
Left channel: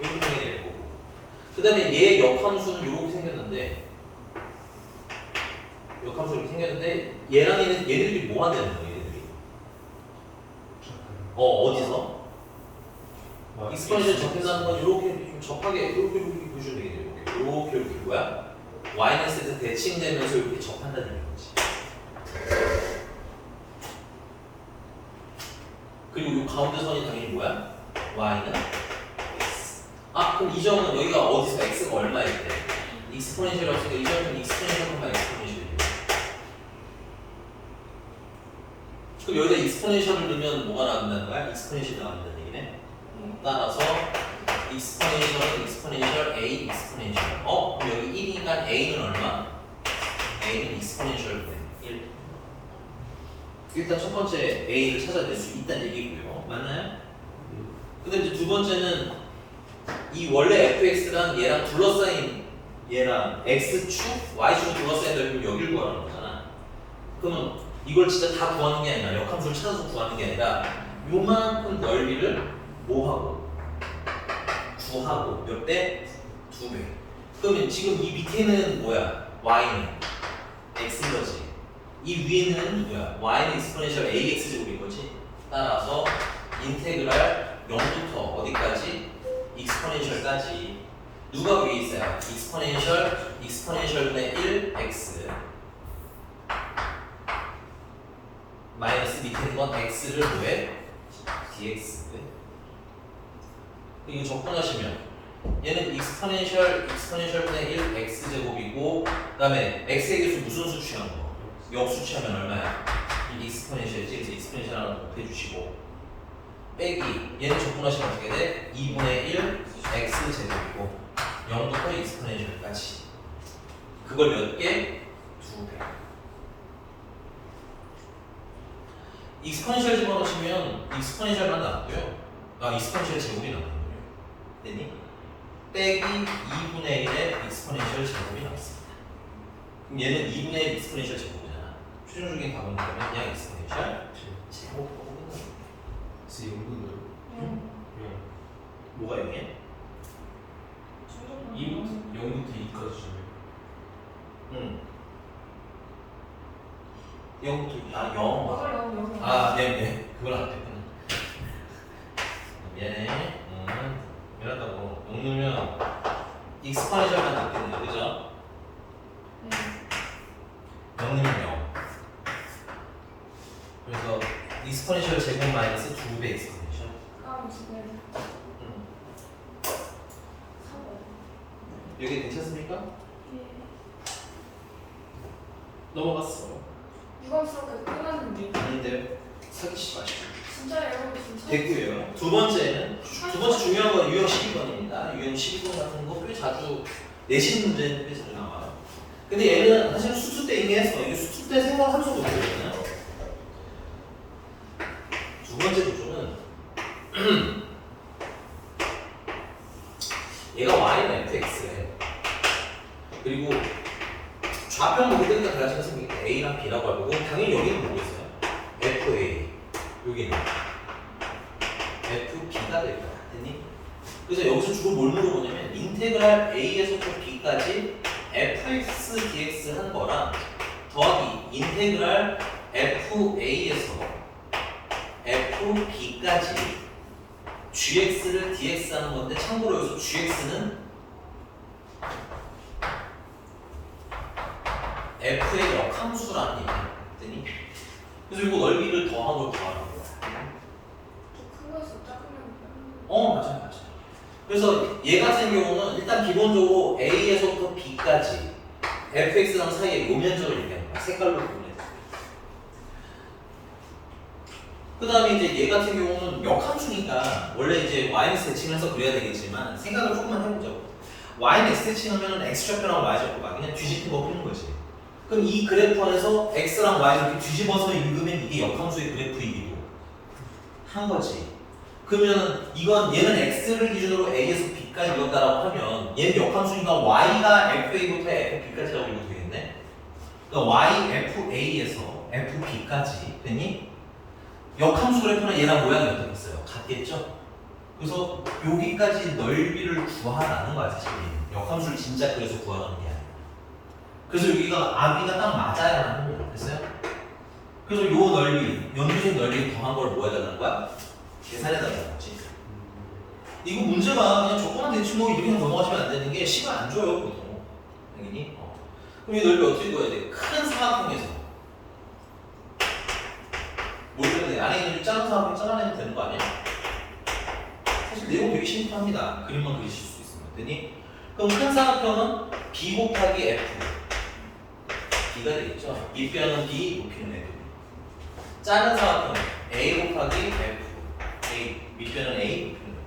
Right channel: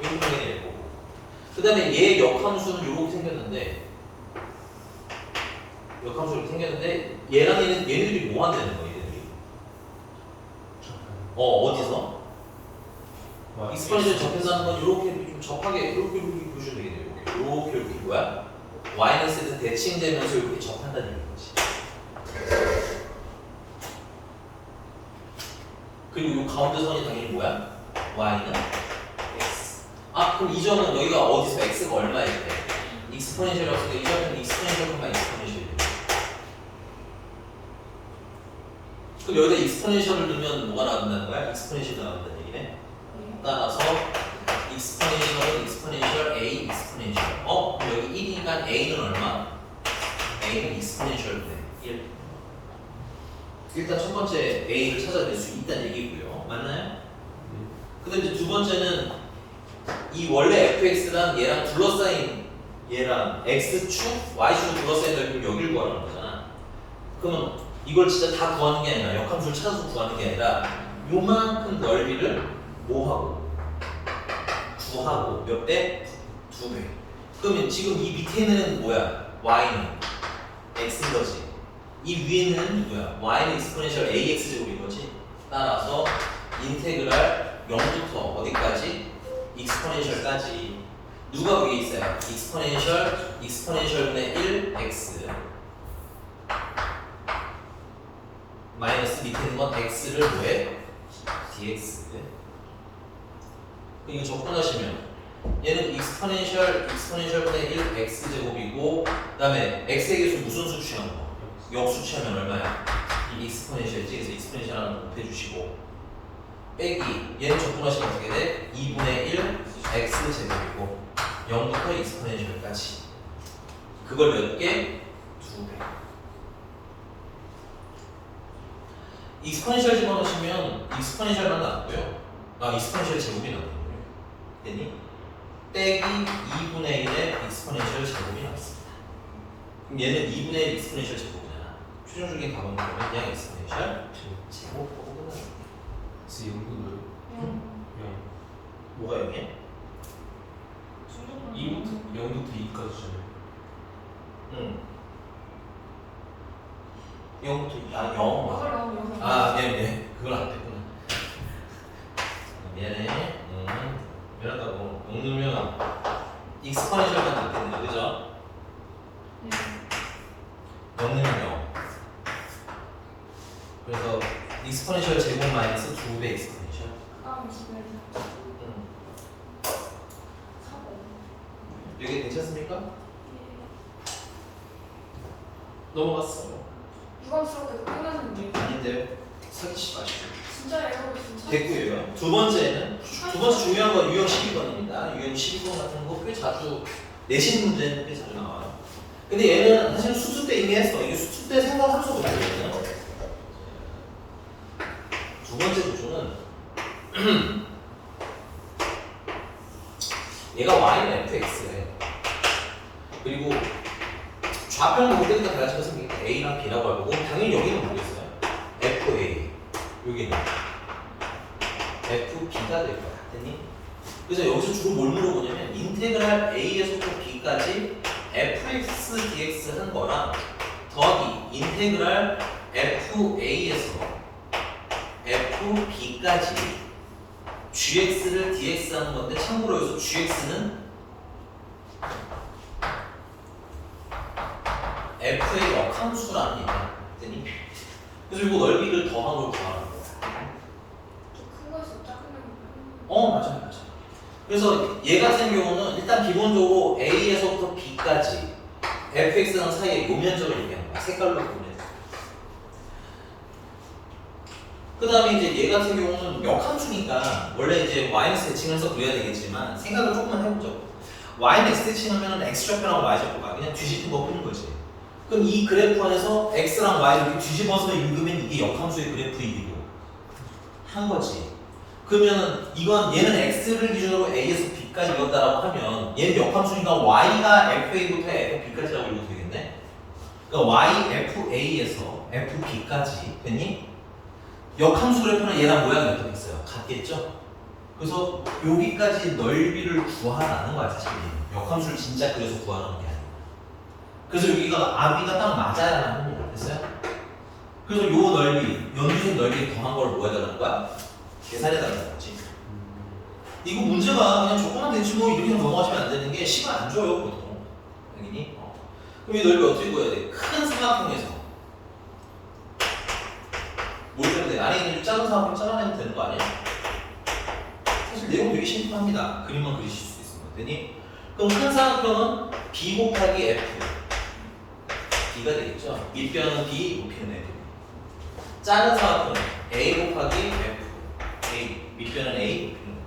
생기게 되고, 그 다음에 얘 역함수는 이렇게 생겼는데, 얘랑 얘네들이 뭐 한다는 거야, 얘네들이? 어디서? 익스포넨셜 접해서 하는 건 이렇게 좀 접하게 이렇게 보시면 되겠네요. 이렇게 뭐야? 마이너스에서 대칭되면서 이렇게 접한다는 얘기지. 그리고 이 가운데 선이 당연히 뭐야? y는 x. 그럼 이 점은 여기가 어디서 x가 얼마일 때? 익스포넨셜이 없으니까 이 점은 익스포넨셜만 익스포넨셜이 돼. 그럼 여기다 익스포넨셜을 넣으면 뭐가 나온다는 거야? 익스포넨셜이 나온다는 얘기네. 따라서 익스포넨셜 a 익스포넨셜. 그럼 여기 1이니까 a는 얼마? a는 익스포넨셜 1. 일단 첫 번째 a를 찾아낼 수 있다는 얘기고요. 맞나요? 근데 이제 두 번째는 이 원래 fx랑 얘랑 둘러싸인 얘랑 x축, y축을 둘러싸인 넓이면 여기를 구하는 거잖아. 그러면 이걸 진짜 다 구하는 게 아니라 역함수를 찾아서 구하는 게 아니라 요만큼 넓이를 뭐하고? 구하고 몇 배? 2배. 그러면 지금 이 밑에 있는 뭐야? y는 x인 거지. 이 위에는 뭐야? y는 익스포넨셜 ax 제곱인 거지. 따라서 인테그랄 0부터 어디까지? 익스포넨셜까지 누가 위에 있어요? 익스포넨셜분의 1x 마이너스 밑에 있는 건 x를 뭐해? dx. 이거 접근하시면 얘는 익스포넨셜분의 1x 제곱이고, 그 다음에 x의 개수 무슨 수 취한 거? 역수 취하면 얼마야? 이 익스포넨셜이지. 그래서 익스포넨셜 하나 곱해주시고 빼기 얘는 접근하시면 어떻게 돼? 2분의 1 x 제곱이고 0부터 익스포넨셜까지. 그걸 몇 개? 2배. 익스포넨셜 집어넣으시면 익스포넨셜만 나왔고요. 익스포넨셜 제곱이 나왔고요. 됐니? 빼기 2분의 1의 익스포넨셜 제곱이 나왔습니다. 그럼 얘는 2분의 1 익스포넨셜 제곱이잖아. 최종적인 답은 그러면 그냥 익스포넨셜 제곱. 그래서 0분들 뭐가 0이야? 0부터 2까지 잖아요. 0부터 0. 네. 그걸 안 됐구나. 미안해. 미안하다고. 넣으면 익스포넨셜만 됐는데, 그죠? 0 넣으면 0. 그래서 익스포넨셜 제곱 마이너스 2배 익스포넨셜. 여기 괜찮습니까? 넘어갔어. 유감스럽게 끝났는데. 아닌데요? 사기치 마시고. 진짜예요, 진짜. 됐고요. 두 번째 중요한 건 유형 12번입니다. 유형 12번 같은 거 꽤 자주 내신 문제는 꽤 자주 나와요. 근데 얘는 사실 수투 때 이미 했어. 이게 수투 때 생각할 수가 없거든요. 두 번째 구조는 얘가 y는 fx에 그리고 좌표는 모르니까 달라지면 생기겠다. a랑 b라고 하고 당연히 여기는 모르겠어요. fa 여기는 fb가 될 것 같으니 그래서 여기서 주로 뭘 물어보냐면 인테그랄 a에서부터 b까지 fx dx 한 거랑 더하기 인테그랄 fa에서 fb까지 gx를 dx 하는 건데 참고로 여기서 gx는 f의 역함수라는 얘기야. 그래서 이거 넓이를 더한 걸 더하는 거야. 큰 거에서 작은 거. 맞아. 그래서 얘 같은 경우는 일단 기본적으로 a에서부터 b까지 fx랑 사이의 요 면적을 얘기하는 거야. 색깔로 보면 그 다음에 이제 얘 같은 경우는 역함수니까 원래 이제 y는 대칭해서 그려야 되겠지만 생각을 조금만 해보죠. y는 x 대칭하면 x좌표랑 y좌표가 그냥 뒤집힌 거 푸는 거지. 그럼 이 그래프 안에서 x랑 y를 이렇게 뒤집어서 읽으면 이게 역함수의 그래프이기도 한 거지. 그러면 이건 얘는 x를 기준으로 a에서 b까지 읽었다라고 하면 얘는 역함수니까 y가 fa부터 fb까지라고 읽어도 되겠네. 그러니까 y fa에서 fb까지 됐니? 역함수 그래프는 얘랑 모양이 어떻겠어요? 같겠죠? 그래서 여기까지 넓이를 구하라는 거야 사실. 역함수를 진짜 그래서 구하라는 게 아니야. 그래서 여기가 아비가 딱 맞아야 합니다. 됐어요? 그래서 요 넓이, 연두색 넓이 더한 걸 뭐 해달라는 거야? 계산해달라는 거지. 이거 문제가 그냥 조건만 대치 뭐 이렇게 넘어가시면 안 되는 게 시간 안 줘요 보통. 여기니? 그럼 이 넓이 어떻게 구해야 돼? 큰 삼각형에서 뭘 때문에 돼? 안에 있는 작은 사람을 잘라내면 되는 거 아니야? 사실 내용 되게 심플합니다. 그림만 그리실 수 있으면. 되니? 그럼 큰 사각형은 b 곱하기 f b가 되겠죠? 밑변은 b, 높이는 f. 작은 사각형은 a 곱하기 f a, 밑변은 a, 높이는 f.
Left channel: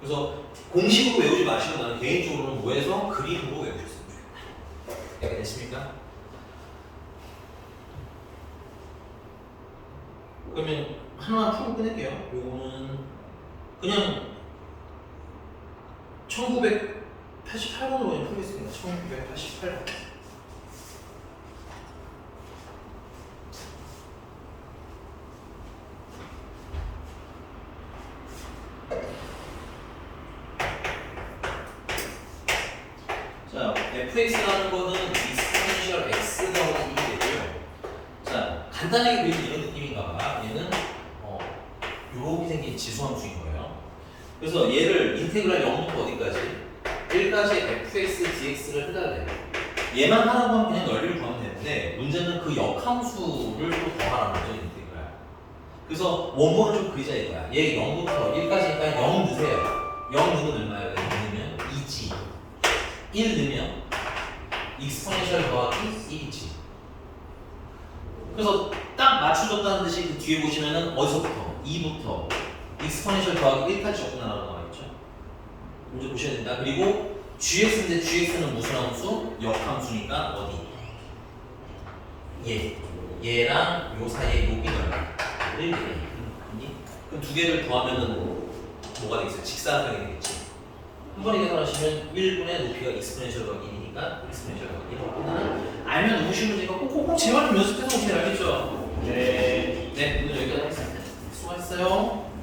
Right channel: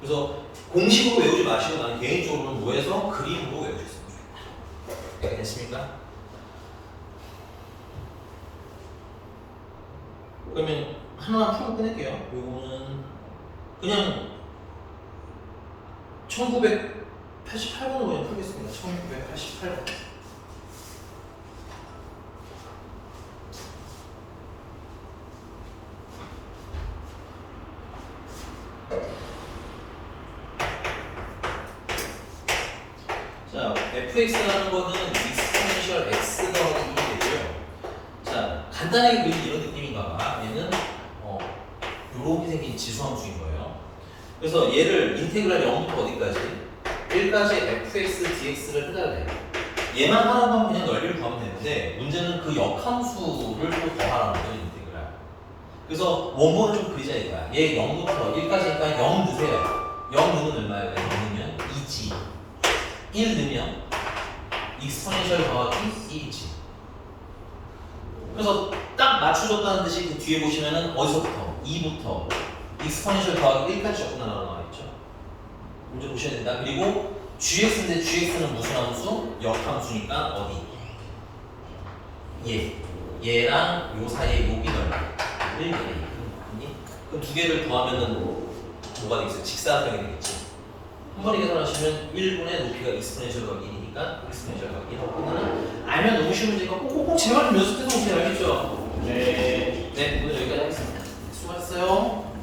그래서 공식으로 외우지 마시고 나는 개인적으로는 뭐해서 그림으로 외우셨습니다. 이렇게 됐습니까? 그러면 하나만 풀고 끝낼게요. 요거는 그냥 1988번으로 그냥 풀겠습니다. 1988번. 자, fx라는 거는 익스포넨셜 x 더하기 2이 되고요. 자, 간단하게 그리는 이런 느낌인가 봐. 얘는 요렇게 생긴 지수함수인 거예요. 그래서 얘를 인테그랄 0부터 어디까지? 1까지 fx dx를 해달래요. 얘만 하는 건 그냥 넓이를 구하면 되는데 문제는 그 역함수를 또 더하라는 거죠, 인테그랄. 그래서 원본을 좀 그리자 이거야. 얘 0부터 1까지니까 0 넣으세요. 0 넣으면 얼마야? 0 넣으면 2지. 1 넣으면 익스포넨셜 더하기 1이지. 그래서 딱 맞춰줬다는 듯이 그 뒤에 보시면은 어디서부터? 2부터 익스포넨셜 더하기 1까지 적구나 나와 있죠. 먼저 보셔야 된다. 그리고 gx인데 gx는 무슨 함수? 역함수니까 어디? 얘랑 요 사이에 여기 넓이 1, 그럼 두 개를 더하면은 뭐가 되겠어요? 직사각형이 되겠지. 한 번에 계산하시면 1분의 높이가 익스포넨셜 더하기 1이니까 익스포넨셜 더하기 1. 알면 너무 쉬운 문제니까 꼭꼭꼭 제발 좀 연습해서 오세요. 알겠죠? 네. 네, 오늘 여기까지 하겠습니다. 수고하셨어요.